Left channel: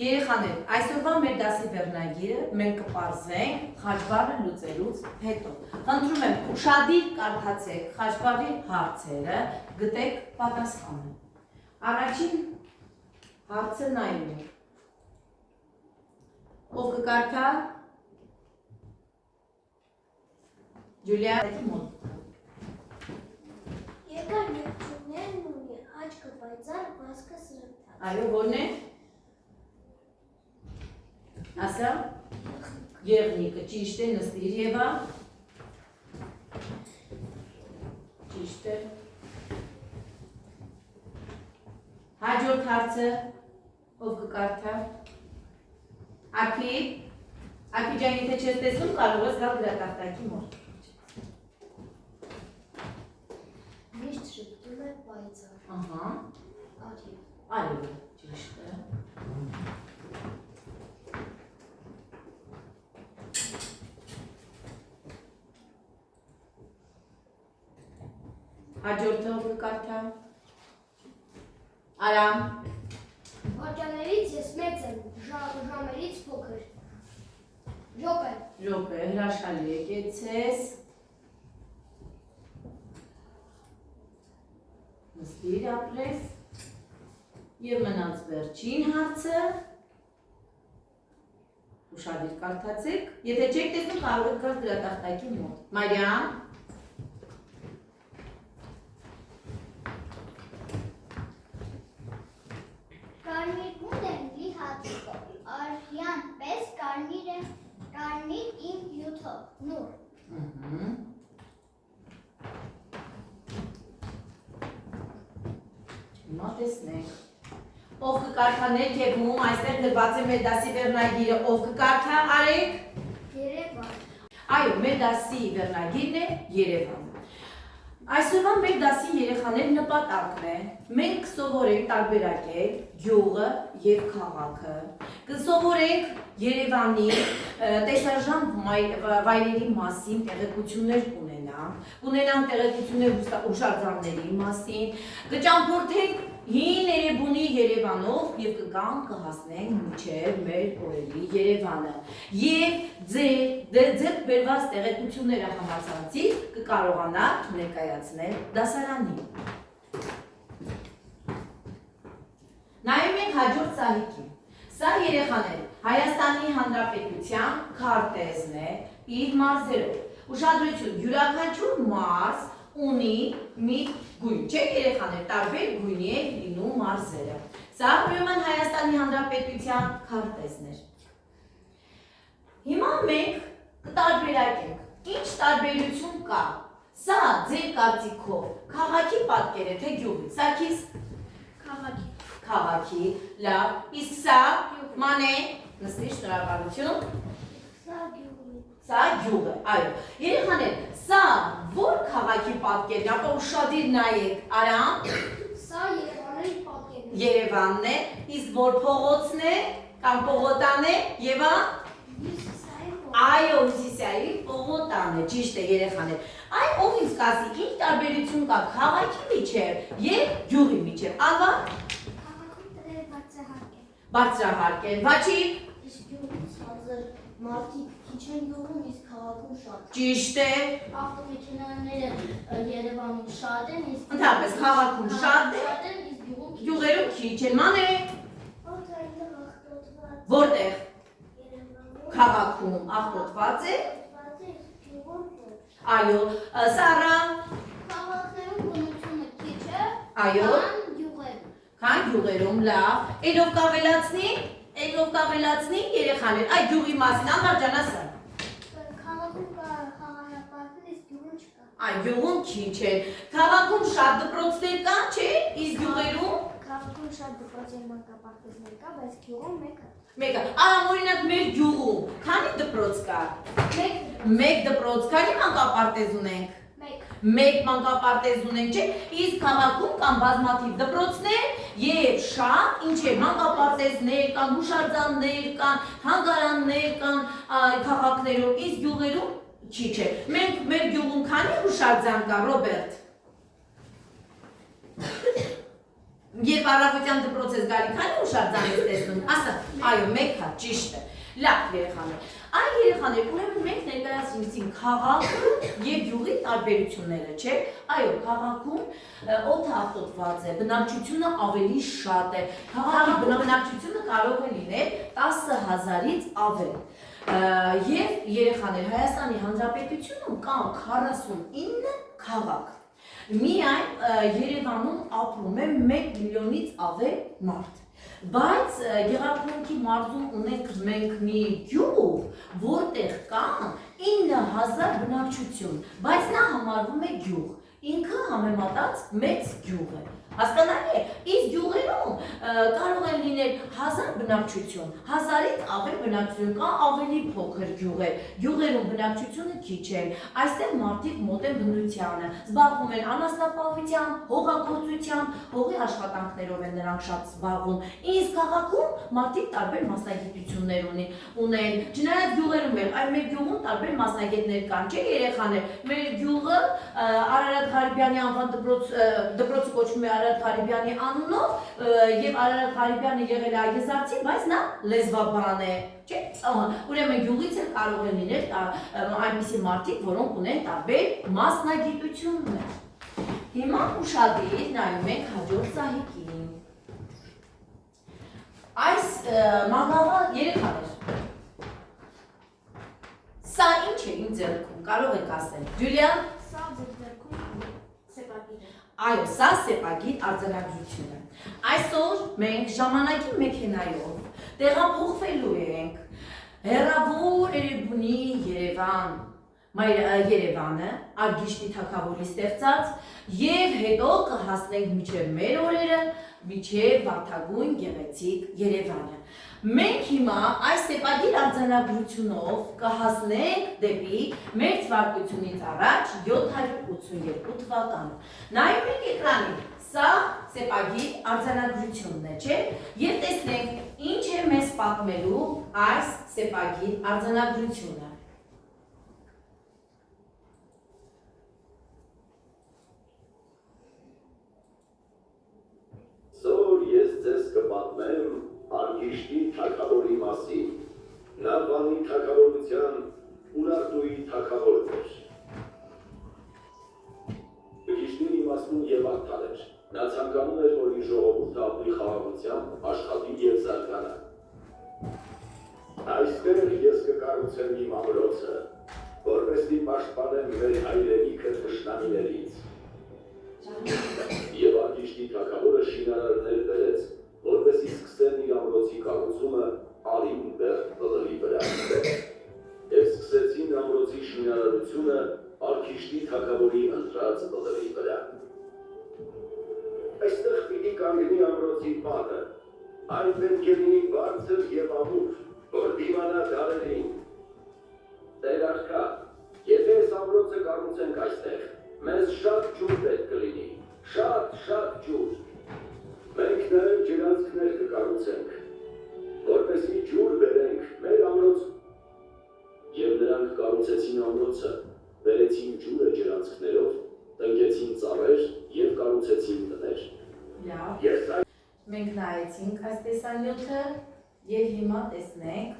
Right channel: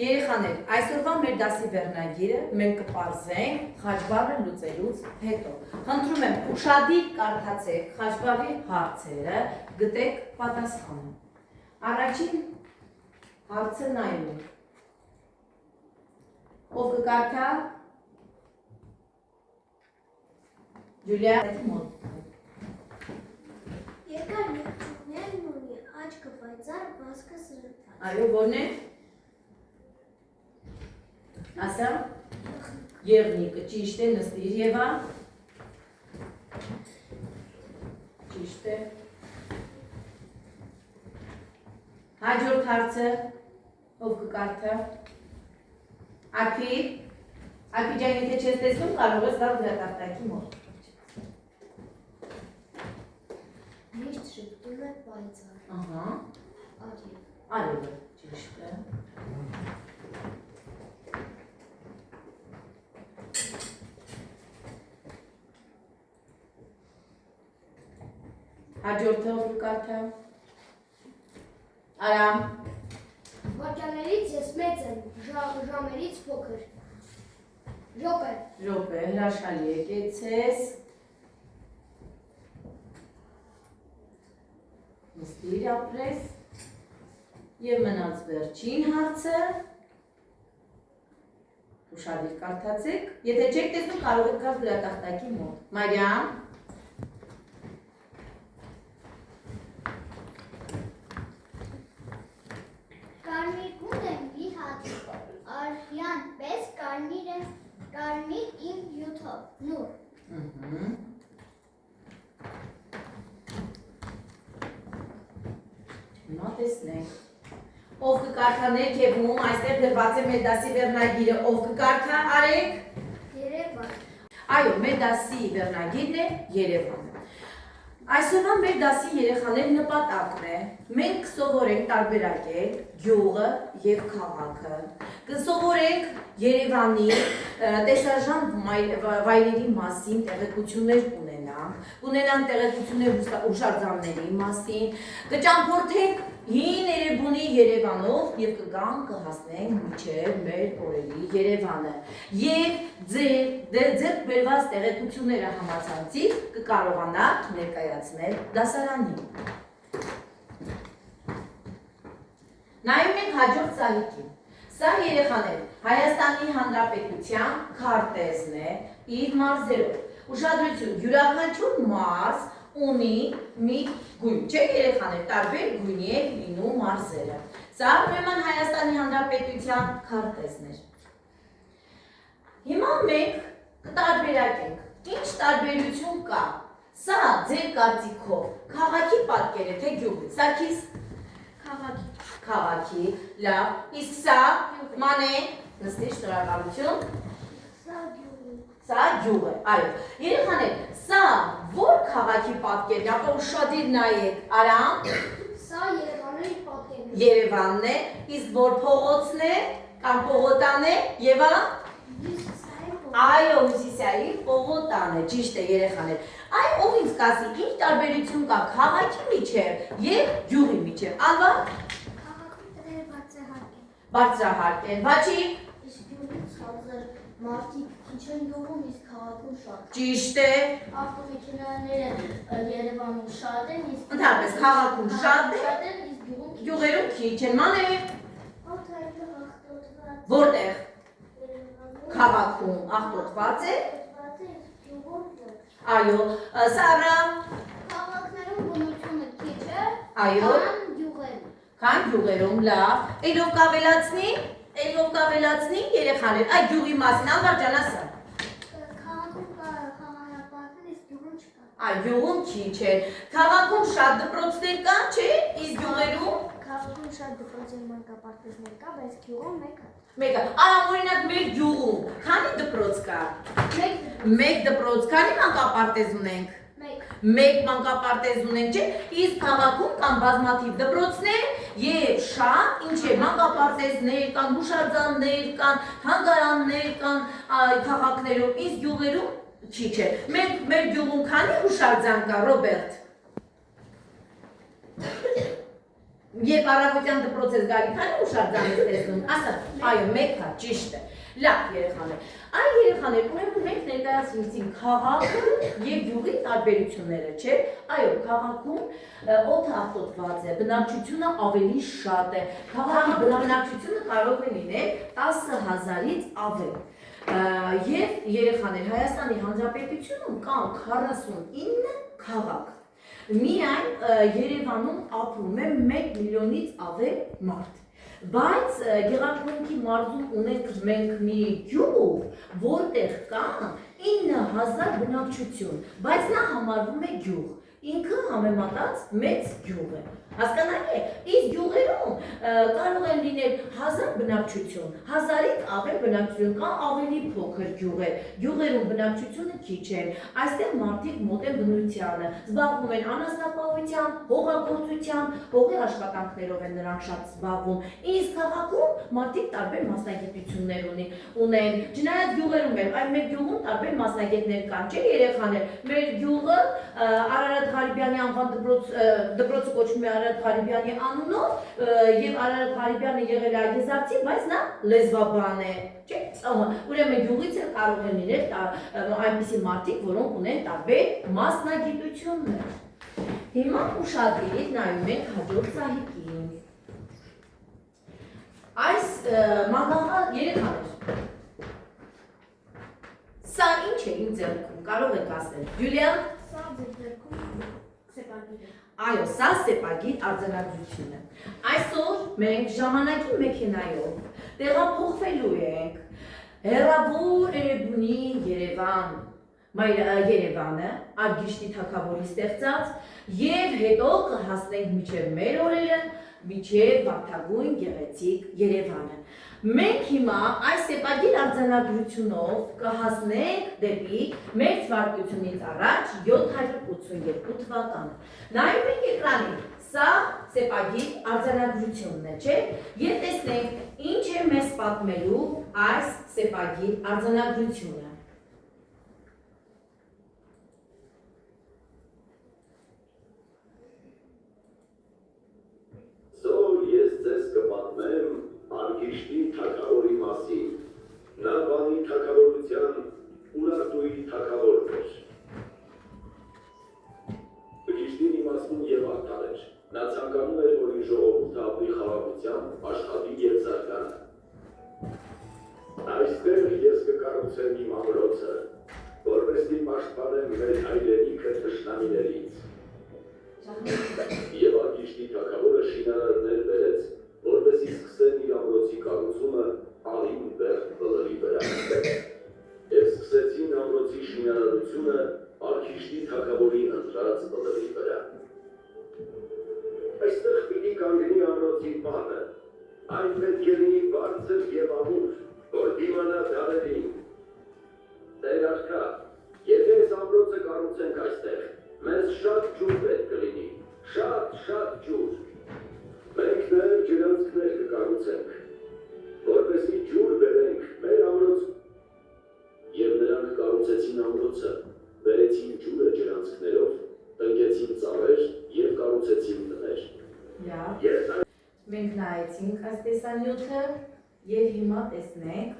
Երեխաներ, այսօրվա մեր դասի վերնագիրը մենք կպարզենք խաչբառը լուծելուց հետո։ Խնդրում եմ, ուշադիր կարդացեք խաչբառի հարցերը, գտեք պատասխանը։ Առաջին հարցը նայում ենք։ Ով կկարդա? Ջուլիա, Երկար երկչուկներն ունի, աչքը պայծառ, վազքը սրտած։ Այո, ո՞րն է? Ասա, եղնիկը, ճիշտ է, նստիր Եվա։ Ճիշտ է։ Հաջորդ հարցը, ով կկարդա? Արփի, Արփի ջան, եթե չես տեսնում, կարող ես գալ գրատախտակի մոտ։ Միշտ շփոթում է պայծառ։ Ահա։ Այո, ճիշտ է։ Հաջորդը ով կկարդա? Արամ։ Վաճաներից ես մեծ եմ, ժամերից փոքր։ Րոպե։ Րոպե, հրաշալի եկեցես։ Նստիր ապրես։ Եվ մնաց վերջին հարցը։ Ուշադիր կարդացեք։ Եթե չեք տեսնում, կարող եք գալ գրատախտակի մոտ։ Մարիամ։ Կարմիր գունդ եմ մի հատ, արյան պես կարմիր իմ յութով, նուր։ Հիմա տեսնենք։ Ով կկարդա ներքևում, այստեղ գրված է մեր դասի վերնագիրը, ով կկարդա, արեք։ Երևան։ Այո, մեր դասի վերնագիրն է Երևանը։ Այսօրվա մեր դասի երեխաների նպատակն է, մենք կսովորենք տարբերակել գյուղը և քաղաքը, կսովորենք Երևանի տեսարժան վայրերի մասին տեղեկություններ կունենանք տեղեկություններ հուշարձանների մասին, կճամփորդենք հին Էրեբունի Երևանով և կգանք կհասնենք մինչև մեր օրերի Երևանը և ձեռք բերված տեղեկությունները համացանցից կկարողանաք ներկայացնել դասարանին։ Նայում ենք հաջորդ սահիկին։ Սա երեխաներ Հայաստանի Հանրապետության քարտեզն է իր մարզերով։ Ուշադրություն, յուրաքանչյուր մարզ ունի մի գույն, չէ երեխաներ, տարբեր գույնի է լինում մարզերը։ Սա ուրեմն Հայաստանի Հանրապետության քարտեզն էր։ Հիմա մենք կտարբերակենք, ինչ տարբերություն կա։ Սա ձեր կարծիքով քաղաքի պատկեր է, թե գյուղի։ Սարգիս քաղաքի, լավ, իսկ սա մանե, նստիր, շնորհակալություն։ Սա գյուղ է, այո։ Երեխաներ, սա որ քաղաքի պատկերն է, ապա ուշադիր նայեք, Արամ։ Սա Երևանի պատկերն է։ Երևանն է, իսկ որ փողոցն է, կամ պողոտան է, Եվա։ Այո, Հյուսիսային պողոտան է, ճիշտ է երեխաներ։ Այ ով ինձ կասի, ինչ տարբերություն կա քաղաքի միջև և գյուղի միջև։ Ալվա։ Քաղաքում տները բարձրահարկ են։ Բարձրահարկ են, Վաչի։ Իսկ գյուղի ցածր մարդիկ քիչ են գյուղում, իսկ քաղաքում շատ։ Ճիշտ է։ Ավտոմեքենաները Երևանում շատ են, իսկ Ընդհանրապես քաղաքում շատ է, իսկ գյուղում գյուղերում քիչ են, մանե։ Որտեղ։ Քաղաքում աղտոտված է։ Այո, Սարա։ Քաղաքներում բնությունը քիչ է, Այո։ գյուղերում։ Քան գյուղերում, լավ։ Էլով կավելացնի երեխաներ, այդ գյուղի մասին, Ալվարջան ասա։ Քաղաքում կա խաղահրապարակներ, իսկ գյուղում չկա։ Այ գյուղում քիչ է։ Քաղաքում շատ դպրոցներ կան, չէ՞, իսկ գյուղերում։ Քաղաքում շատ դպրոցներ մանկապարտեզներ կա, բայց գյուղում մեկ է։ Մեկը, օրինակ մեր գյուղում, քանի դպրոց կա։ Մեկ դպրոց, քանի մանկապարտեզ ունենք։ Մեկ մանկապարտեզ ունենք, չէ՞, իսկ քաղաքում կան բազմաթիվ դպրոցներ եւ շատ ինչ է մանկապարտեզներ կան, հուշարձաններ կան, թանգարաններ կան քաղաքներում, իսկ գյուղերում քիչ է։ Մենք մեր գյուղում քանի հուշարձան կա, Ռոբերտ։ Երբ առավոտյան դպրոց ես գալի, քանի հուշարձան ես տեսնում, ասա, այո, մեկ հա, ճիշտ է։ Լավ երեխաներ, այ երեխաներ, ուրեմն մենք ներկայացրեցինք քաղաքը եւ գյուղի տարբերությունները, չէ՞։ Այո, քաղաքում օդը աղտոտված է, բնակչությունը ավելի շատ է։ Քաղաքի բնակչությունը կարող է լինել 10,000-ից ավել։ Եվ երեխաներ, Հայաստանի Հանրապետությունում կան 49 քաղաք։ Միայն Երևանում ապրում է 1 միլիոնից ավել մարդ։ Բայց Գեղարքունիքի մարզում ունենք մենք մի գյուղ, որտեղ կան 9000 բնակչություն, բայց նա համարվում է գյուղ, ինքը համեմատած մեծ գյուղ է։ Հասկանալի է, իսկ գյուղերում կարող են լինել 1000 բնակչություն, 1000-ից ավել բնակչություն, կան ավելի փոքր գյուղեր, գյուղերում բնակչությունը քիչ է, այստեղ մարդիկ մոտ են բնությանը, զբաղվում են անասնապահությամբ, հողագործությամբ, հողի աշխատանքներով են նրանք շատ զբաղվում, իսկ քաղաքում մարդիկ տարբեր մասնագիտություններ ունեն, չնայած գյուղերում էլ, այլ մեր գյուղում տարբեր մասնագետներ կան, չէ երեխաներ, մեր գյուղը Արարատ Ղարիբյանի անվան դպրոցը կոչվում է Արարատ Ղարիբյանի անունով եւ Արարատ Ղարիբյանը եղել է այգեզարցի, բայց նա լեզվաբան է, չէ՞։ Ուրեմն գյուղից էլ կարող են լինել այնպիսի մարդիկ, որոնք ունեն տարբեր մասնագիտություններ։ Հիմա ուշադիր նայում ենք հաջորդ սահիկին։ Այս մագաղը երեխաներ։ Սա ինչ է իմ ձեռքում, կարող եք ասել։ Ջուլիան։ Սա ձեռքում սեպագիր է։ Այո, սա սեպագիր արձանագրություն է։ Այսօր մենք ժամանակի մեքենայով տեղափոխվելու ենք հեռավոր Էրեբունի Երևանը, Արգիշտի թագավորի ստեղծած, եւ հետո կհասնենք մինչև մեր օրերը, մինչև վարդագույն գեղեցիկ Երևանը։ Մենք հիմա այս սեպագիր արձանագրությունով կհասնենք դեպի մեր թվարկությունից առաջ 782 թվականը։ Նայում եք էկրանին, սա սեպագիր արձանագրությունն է, չէ՞։ Եվ տեսնենք ինչ է մեզ պատմելու այս սեպագիր արձանագրությունը։ Արգիշտի թագավորի մասին, նա բանի թագավորության Ուրարտուի թագավորն էր։ Արգիշտին իմաստուն և արդար էր, նա ցանկանում էր, որ իր ժողովուրդը ապրի խաղաղությամբ, աշխատի և զարգանա։ Այստեղ ես կկառուցեմ իմ ամրոցը, որպեսզի պաշտպանեմ մեր հայրենիքը թշնամիներից։ Եվ Արգիշտի թագավորը շինարարներ բերեց, որպեսզի սկսեն իր ամրոցի կառուցումը արին բերդ բլրի վրա։ Եվ սկսեցին ամրոցի շինարարությունը Արգիշտի թագավորի ընտրած բլրի վրա։ Այստեղ պիտի կանգնի ամրոցի բանը, այն պետք է լինի բարձր և ամուր, որ դիմանա դարերին։ Տեր արքա, եթե այս ամրոցը կառուցենք այստեղ, մեզ շատ ջուր պետք կլինի, շատ ջուր։ Մենք նաև ջրանցքներ կկառուցենք, որպեսզի ջուր բերենք մեր ամրոց։ Եվ նրանք կառուցեցին ամրոցը, բերեցին ջուրը ջրանցքներով, տնկեցին ծառեր և կառուցեցին տներ։ Մենք նայեցինք այս տեսանյութը և հիմա տեսնենք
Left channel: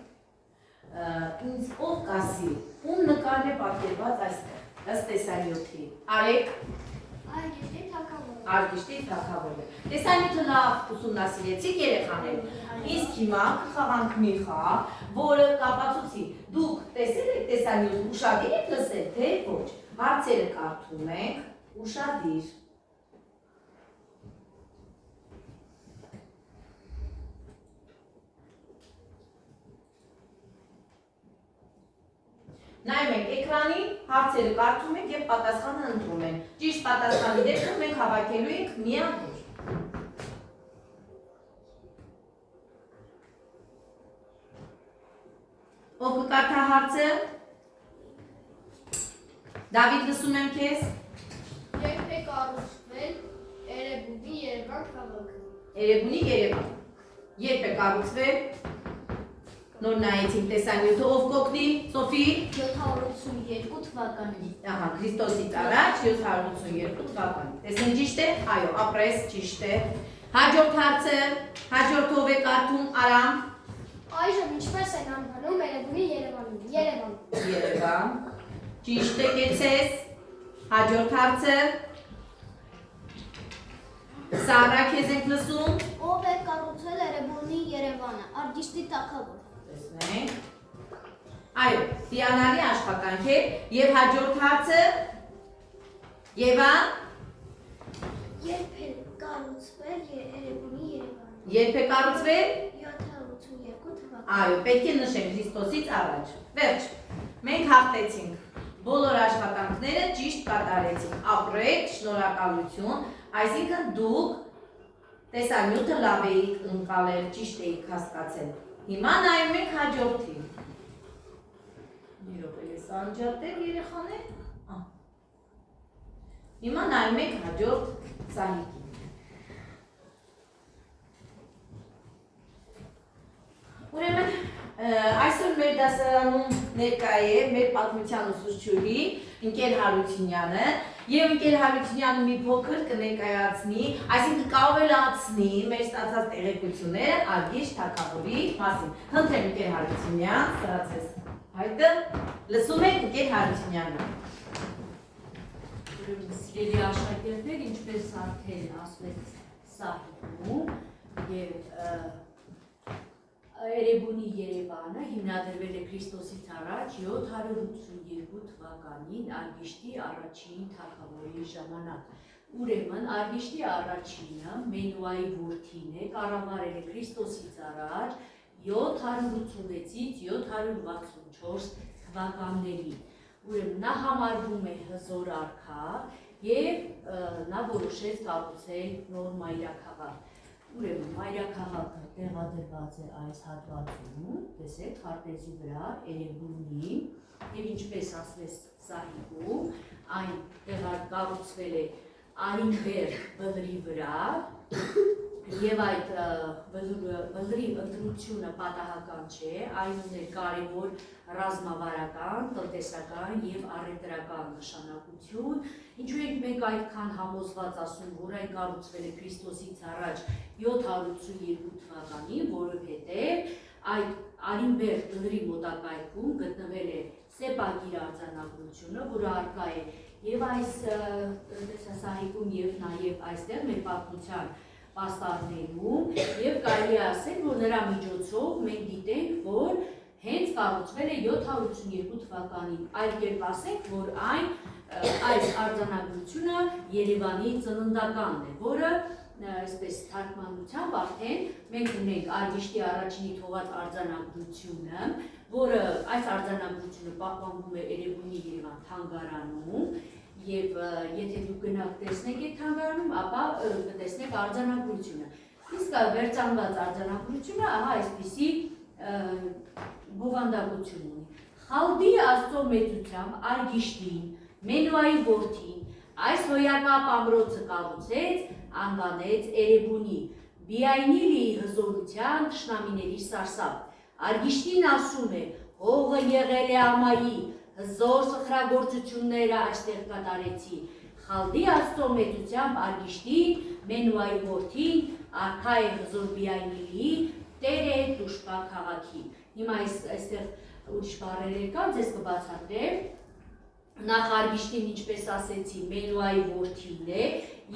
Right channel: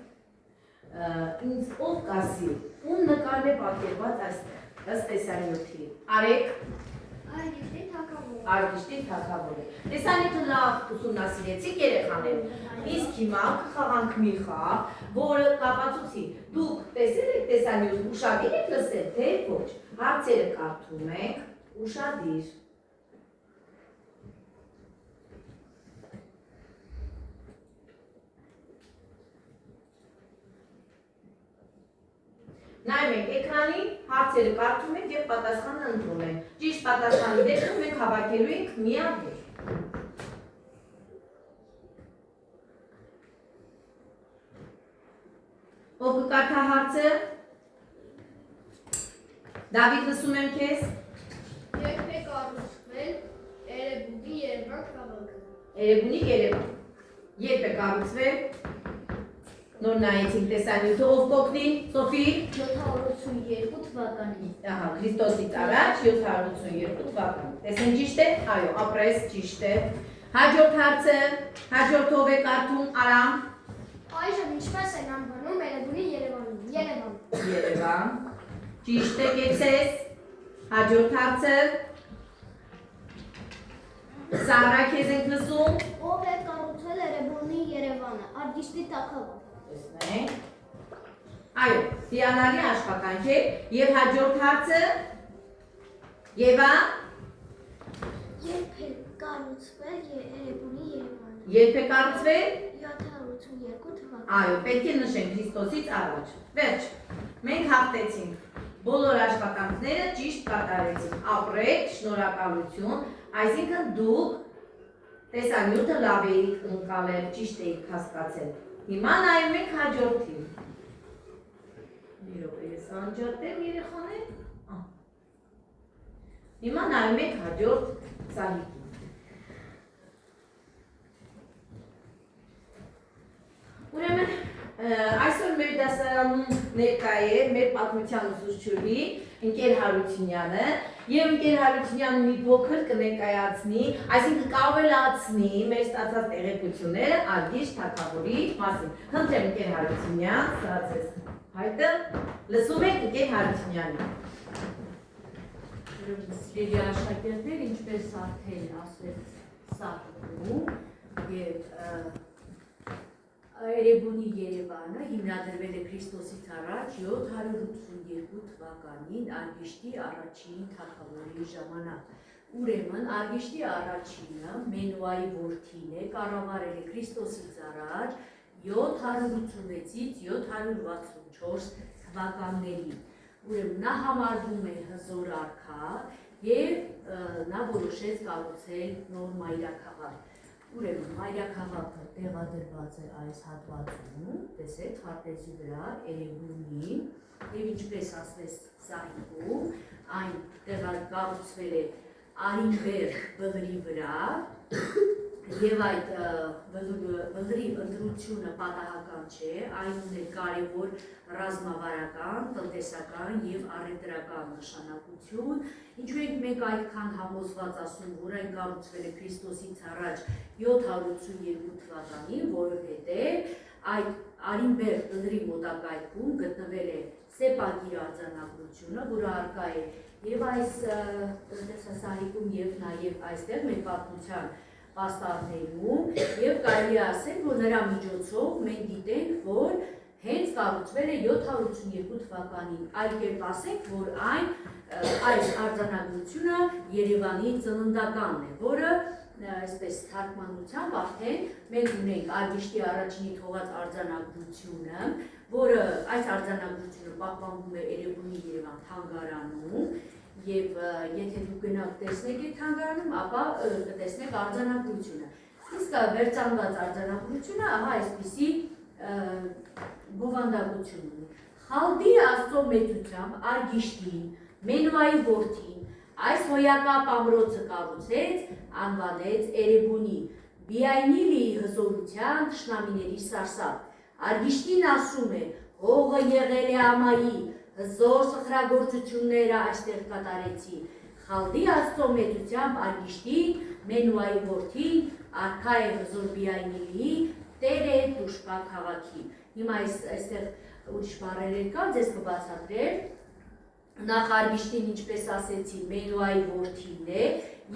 ինձ ով կասի, ում նկարն է պատկերված այստեղ, ըստ տեսանյութի։ Արեք։ Արգիշտի թագավորը։ Տեսանյութը լավ ուսումնասիրեցիք երեխաներ, իսկ հիմա կխաղանք մի խաղ, որը կապացուցի։ Դուք տեսել եք տեսանյութ, ուշադիր եք լսել, թե ոչ։ Հարցերը կարդում ենք, ուշադիր։ Նայում ենք էկրանին, հարցերը կարդում ենք և պատասխանը ընտրում ենք։ Ճիշտ պատասխանի դեպքում մենք հավաքելու ենք միավոր։ Ով կկարդա հարցը։ Դավիթ, լսում եմ քեզ։ Երբ է կառուցվել Էրեբունի Երևան քաղաքը։ Էրեբունի Երևան։ Երբ է կառուցվել։ Նոր նայեցինք տեսանյութը, ով կօգնի, Սոֆի։ 782 թվականին։ Ահա, Քրիստոսից առաջ 782 թվականին։ Տեսնեն ճիշտ է։ Այո, ապրես ճիշտ է։ Հաջորդ հարցը, հաջորդով է կարդում Արամ։ Այժմ ինչպես են անվանում Էրեբունի Երևանում։ Երևան։ Երևան։ Ճիշտ է, կեցես։ Հաջորդ հարցը։ Սառա, քեզ ենք լսում։ Ով է կառուցել Էրեբունի Երևանը։ Արգիշտի թագավոր։ Տեսնենք։ Այո, հիանալի աշխատանք է։ Եվ հաջորդ հարցը։ Եվա։ Երբ է կառուցվել Էրեբունի Երևանը։ Երբ է կառուցվել։ 782 թվականին։ Այո, պետք է նշենք Քրիստոսից առաջ։ Վերջ։ Մենք հաղթեցինք։ Բոլոր աշխատանքները ճիշտ կատարեցինք։ Ապրեք, շնորհակալություն, այսինքն դուք տեսանյութը լավ էիք ընկալել, ճիշտ էիք հասկացել։ Հիմա նայում ենք հաջորդին։ Մի րոպե, ես անջատեմ երեխաներ։ Հիմա նայում ենք հաջորդ Սահիկին։ Ուրեմն այսօր մեր դասարանում ներկա է մեր պատմության ուսուցչուհի ընկեր Հարությունյանը եւ ընկեր Հարությունյանը մի փոքր կներկայացնի, այսինքն կավելացնի մեր ստացած տեղեկությունները Արգիշտ թագավորի մասին։ Խնդրեմ ընկեր Հարությունյան, ստացես հայտը, լսում եք ընկեր Հարությունյանին։ Սիրելի աշակերտներ, ինչպես արդեն ասվեց Սահիկում եւ Էրեբունի Երևանը հիմնադրվել է Քրիստոսից առաջ 782 թվականին Արգիշտի առաջին թագավորի ժամանակ։ Ուրեմն Արգիշտի առաջինը Մենուայի որդին է, կառավարել է Քրիստոսից առաջ 786-ից 764 թվականներին։ Ուրեմն նա համարվում է հզոր արքա եւ նա որոշեց կառուցել նոր մայրաքաղաք։ Ուրեմն մայրաքաղաքը տեղադրված է այս հատվածում, տեսեք քարտեզի վրա Էրեբունի եւ ինչպես ասվեց Սահիկում, այն կառուցվել է Արինբեր բլրի վրա եւ այդ բլրի ընտրությունը պատահական չէ, այն ուներ կարևոր ռազմավարական, տնտեսական եւ առևտրական նշանակություն, ինչու ենք մենք այդքան համոզված ասում, որ այն կառուցվել է Քրիստոսից առաջ 782 թվականին, որովհետեւ այդ Արինբեր բլրի մոտակայքում գտնվել է Սեպագիր արձանագրությունը, որը առկա է եւ այս տնտեսասահիկում եւ նաեւ այստեղ մեր պատմության պաստառներում եւ կարելի է ասել, որ նրա միջոցով մենք գիտենք, որ հենց կառուցվել է 782 թվականին, այլ կերպ ասենք, որ այս արձանագրությունը Երևանի ծննդականն է, որը այսպես թարգմանությամբ արդեն մենք ունենք Արգիշտի առաջինի թողած արձանագրությունը, որը այս արձանագրությունը պահպանվում է Էրեբունի Երևան թանգարանում եւ եթե դուք գնաք տեսնեք այդ թանգարանում, ապա կտեսնեք արձանագրությունը։ Իսկ վերցանված արձանագրությունը ահա այսպիսի բովանդակություն ունի։ Խալդի Աստծո մեծությամբ Արգիշտին, Մենուայի որդին, այս հոյակապ ամրոցը կառուցեց, անվանեց Էրեբունի, Բիայնիլի հզորության թշնամիների սարսափ։ Արգիշտին ասում է, հողը եղել է ամայի, հզոր սխրագործությունները այստեղ կատարեցի։ Խալդի Աստծո մեծությամբ Արգիշտին, Մենուայի որդին, արքա է հզոր Բիայնիլի, տեր է Տուշպա քաղաքի։ Հիմա այստեղ ուրիշ բառեր կան, ձեզ կբացատրեմ։ Նախ Արգիշտին, ինչպես ասեցի, Մենուայի որդին է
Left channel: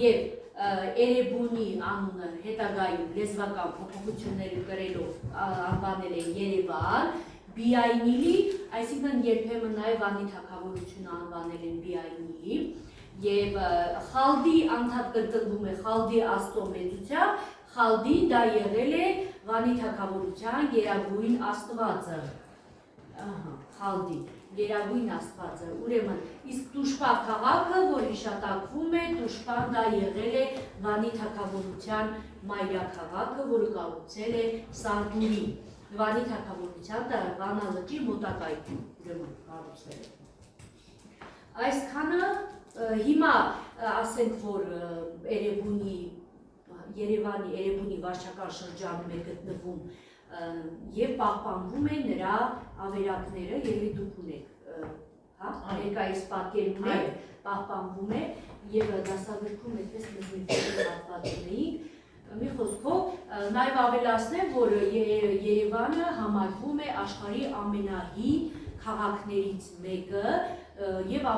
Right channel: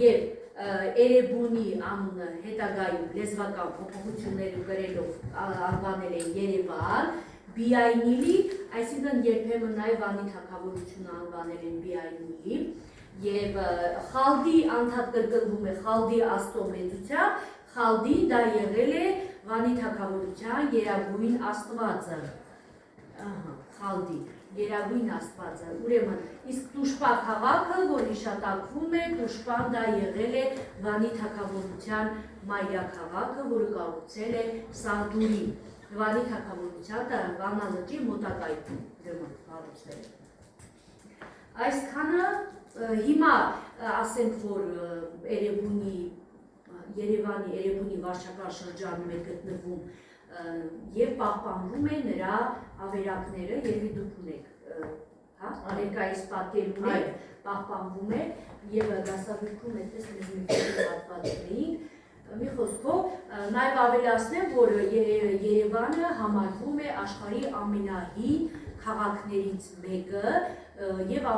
եւ Էրեբունի անունը հետագայում լեզվական փոփոխություններ կրելով անվանել են Երևան, Բիայնիլի, այսինքն երբեմն նաեւ Վանի թագավորությունը անվանել են Բիայնիլի եւ Խալդի անդադ կրկնվում է Խալդի Աստծո մեծությամբ, Խալդին դա եղել է Վանի թագավորության գերագույն աստվածը։ Խալդի Գերագույն աստվածը, ուրեմն իսկ Տուշպա քաղաքը, որ հիշատակվում է, Տուշպան դա եղել է Վանի թագավորության մայրաքաղաքը, որը կառուցել է Սարդուրին, Վանի թագավորության Վանա լճի մոտակայքում, ուրեմն կառուցվել է։ Այսքանը հիմա ասենք, որ Երևանի վարչական շրջանում է գտնվում եւ պահպանվում է նրա ավերակները, երևի դուք ունեք, հա, ներկայիս պատկերում է, պահպանվում է եւ դասագրքում այդպես մեզ հատվածների Մի խոսքով նաև ավելացնեմ, որ Երևանը համարվում է աշխարհի ամենահին քաղաքներից մեկը եւ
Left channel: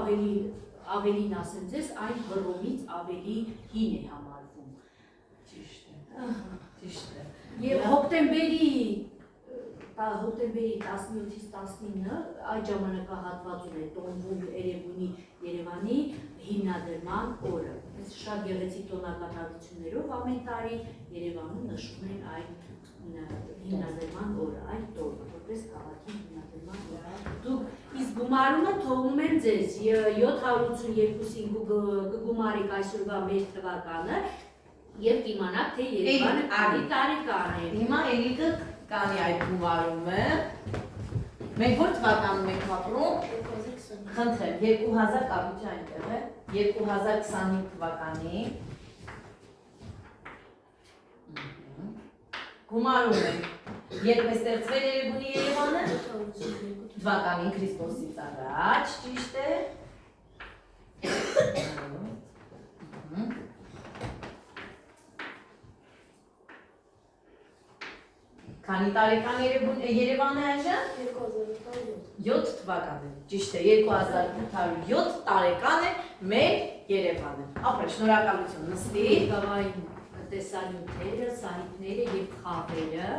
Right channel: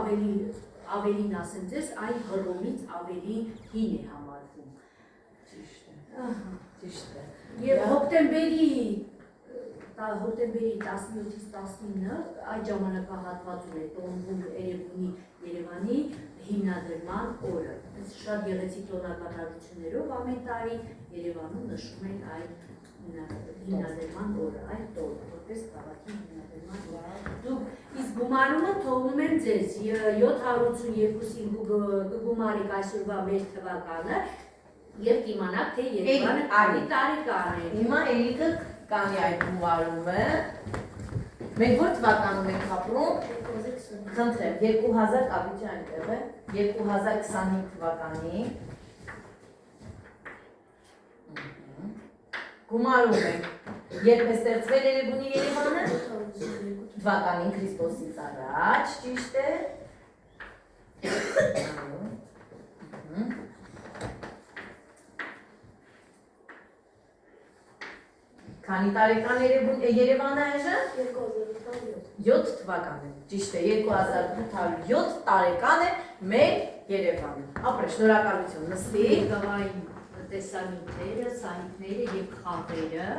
ավելին ասեմ ձեզ, այն Հռոմից ավելի հին է համարվում։ Ճիշտ է։ Ճիշտ է։ Եվ հոկտեմբերի 17-ից 19 այդ ժամանակահատվածում է տոնվում Էրեբունի Երևանի հիմնադրման օրը։ Շատ գեղեցիկ տոնակատարություններով ամեն տարի Երևանում նշում են այդ հիմնադրման օրը, այդ տոնը, որպես քաղաքի հիմնադրման օր։ Դուք իսկ գումարումը թողնում եմ ձեզ 782-ին կգումարեք այսօրվա մեր թվականը եւ կիմանաք, թե Երևանը քանի տարեկան է։ Հիմա Էրիկը կանի այդ գումարումը։ Մենք որ թվականում ենք ապրում։ Խնդրեմ, 2000 կապիճը այնտեղ է, 2025 թվականի գումարում ենք, երբ է ստեղծվել Էրեբունի Երևանը, թվականին Քրիստոսից առաջ, ճիշտ է։ Քանի տարեկան Երևանը այժմ? 7 թվական է, ճիշտ է, 2807 տարեկան է մեր Երևանը։ Ապրե, շնորհակալություն, նստի։ Գավային տեսանյութերը, սայթները եւ խաղերը,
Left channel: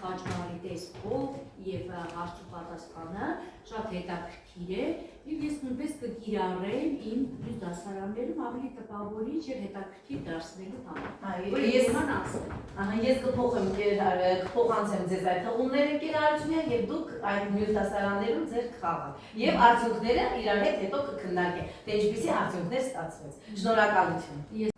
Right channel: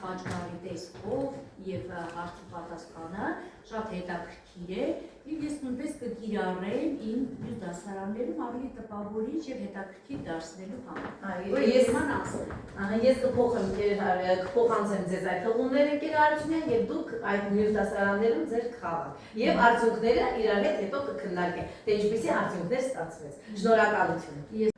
խաչքարի տեսքով եւ հարցի պատասխանը շատ հետաքրքիր է եւ ես նույնպես կկիրառեմ իմ մյուս դասարաններում ավելի տպավորիչ եւ հետաքրքիր դարձնելու համար։ Ես կփոխանցեմ ձեզ այդ հղումները կիրառությունները եւ դուք այդ մյուս դասարաններում ձեր կխաղաք եւ արդյունքները իրար հետ հետո կքննարկենք, թե ինչպիսի արդյունքներ ստացվեց։ Շնորհակալություն։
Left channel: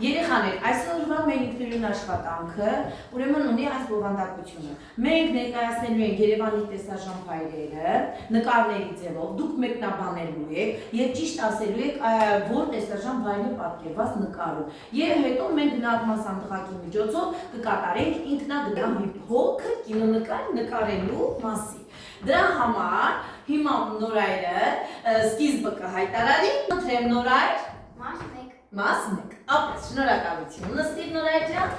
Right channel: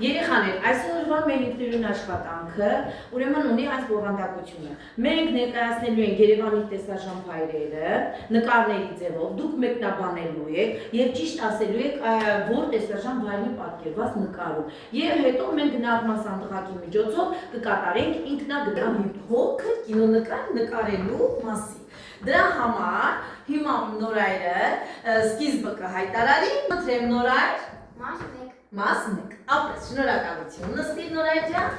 Երեխաներ, այսօրվա մեր ինքնուրույն աշխատանքը ուրեմն ունի այս բովանդակությունը։ Մենք ներկայացնելու ենք Երևանի տեսարժանավայրերը նկարների ձևով, դուք մեկնաբանելու եք եւ ճիշտ ասելու եք որ տեսարժանավայրն է պատկերված նկարում։ Եվ հետո մենք գնահատման սանդղակի միջոցով կկատարենք ինքնագնահ մի փոքր կինոնկար նկարելու մասին։ Դրա համար հիմա Նորայրը սկիզբը կհայտարարի, խնդրեմ Նորայր, մաս 1, ապրես, շնորհակալություն, նստի Նորայր ջան,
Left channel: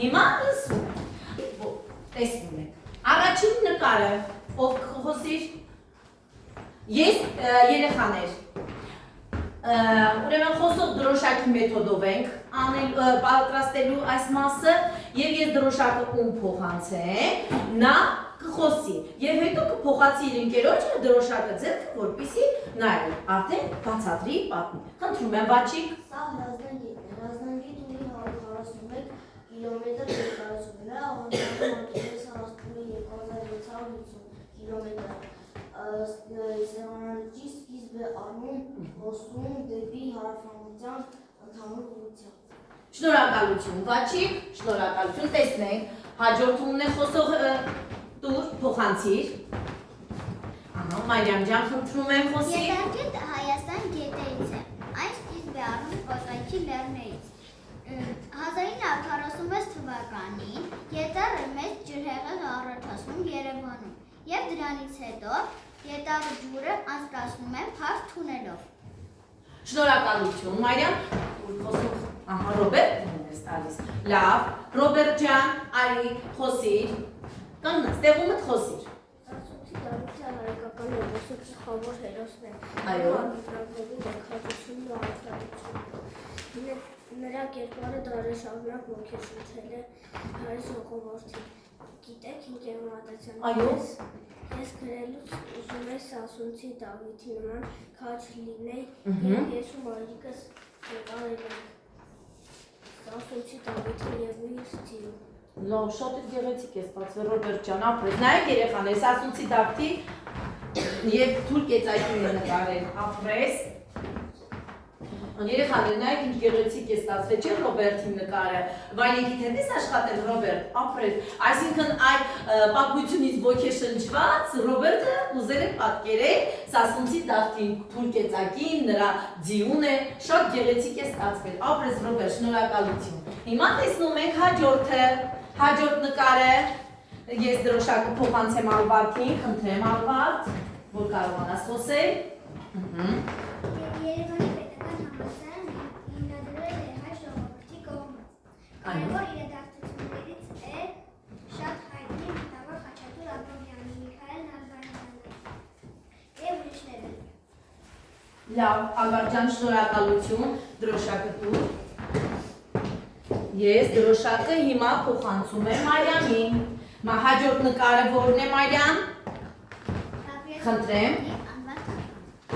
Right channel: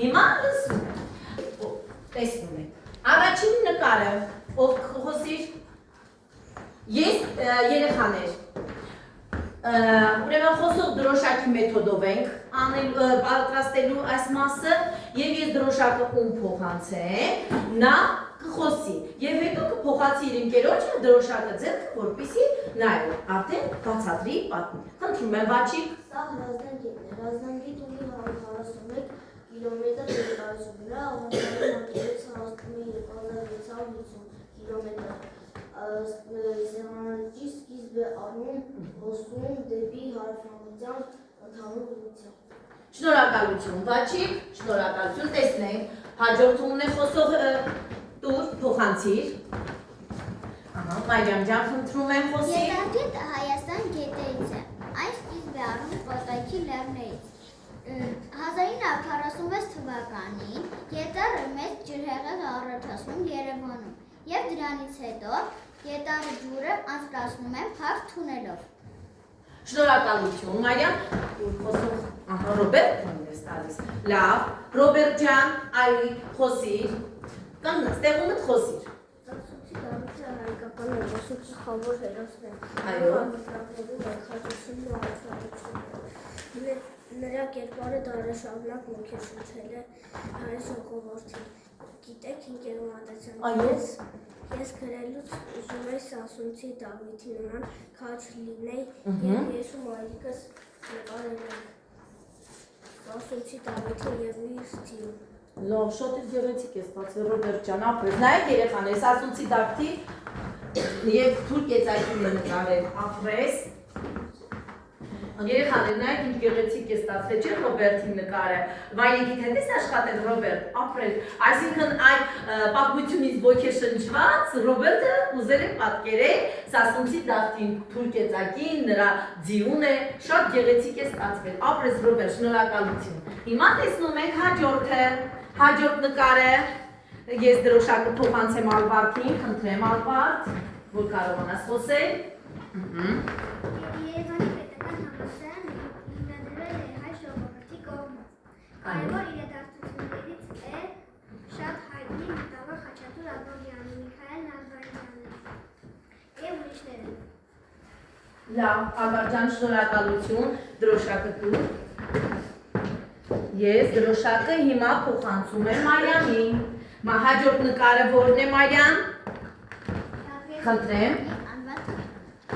հիմա լսում եք, տեսնում եք, առաջին նկարը, ով խոսիր, ես երեխաներ, ուրեմն խոսող դրոշակի մեթոդով ենք պատրաստելու այս մասը և ես դրոշակը ում փոխանցեմ, նա կխոսի և հետո կփոխացի իր ընկերոջը դրոշակը ձեռքը, որպեսզի նայել, արդեն բացատրի պատմի։ Խնդրում եմ Վաչիկ։ Սա Հրազդան գետ ունի 141 կիլոմետր երկարություն, նրա աղմուկային անկեղից հասնում է 2650 կիլոմետր։ Սեղանարջի սկիզբը առնում հոսում դեպի հարավամտյան ընդհանուր ուղղությամբ։ Շնորհակալություն Վաչիկ, շնորհակալություն, տեսնենք, հաջորդումն է խոսող տուր, փոխանցիր։ Մարիամ ջան, խնդրում եմ խոսի։ Ետարգետը Հայաստան գետերից է, այն սկիզբ է առնում Կոտայքի լեռներից։ 1946 թվականին Գետառը մեծ ջրհեղեղ է առաջացնում Երևանում և դրանից հետո Գետառի ջուրը անցկացնում են փակ թունելով։ Շնորհակալություն Մարիամ, Ռոբերտ ես տալիս։ Լավ, Ռոբերտ ջան, արի խոսիր, կանգնած, տեղումդ խոսիր։ Հայկական ոգոսիկ խավոր հերոսն է։ Այո։ Անվտանգորում եկածությունն ու անվտանգությունը։ Նրա կերպարը դարաշարունակ ոգեշնչել է հայ ժողովրդին։ Գիտեք ինքնավստահության։ Այո։ Ես գրելուց ուզում եի Սասունցի Դավիթի նման քաջ լինեի և ես ու մայրիկս նկարել ենք Սասունցի Դավիթին և իր ստիլում։ Լավ, շատ գեղեցիկ է ստացվել Ռոբերտ ջան, ապրես, նայեք երեխաներ, Սասունցի Դավթի և թուրք եծայքին նկարել, ապրես։ Երեխաներ, նայեք ինչ գեղեցիկ է ստացվել, չէ Ռոբերտի նկարը, վայրենքիդ հետ ես աշխատել Ռոբերտ, ապրես, այսինքն այդ պատմությունից ոգեշնչված Ռոբերտը ուզել է պատկերել Սասունցի Դավթին, թուրք եծայքին, նրա ձիուն է, շատ գեղեցիկ է ստացվել, ապրես Ռոբերտ, շնորհակալություն։ Հիմա տեսնում ենք հաջորդ նկարը, ես դրոշակը փոխանցեմ Ալվարդին, խնդրեմ Ալվարդ, որ կարողանաս խոսել։ Երևանի պետական համալսարանը հիմնադրվել է հայ ժողովրդի կողմից։ Կարևոր իրադարձություններից է շատ հայտնի մտավոր Խաչատուր Աբրահամյանի, Միքայել Նալբանդյանի եւ ուրիշները։ Լավ, Ալբերտյան, շնորհակալություն, դրոշակը դու։ Ես դրոշակը հիմա փոխանցում եմ Մարիամին։ Հաջորդ նկարը որն է Մարիամ։ Խնդրեմ։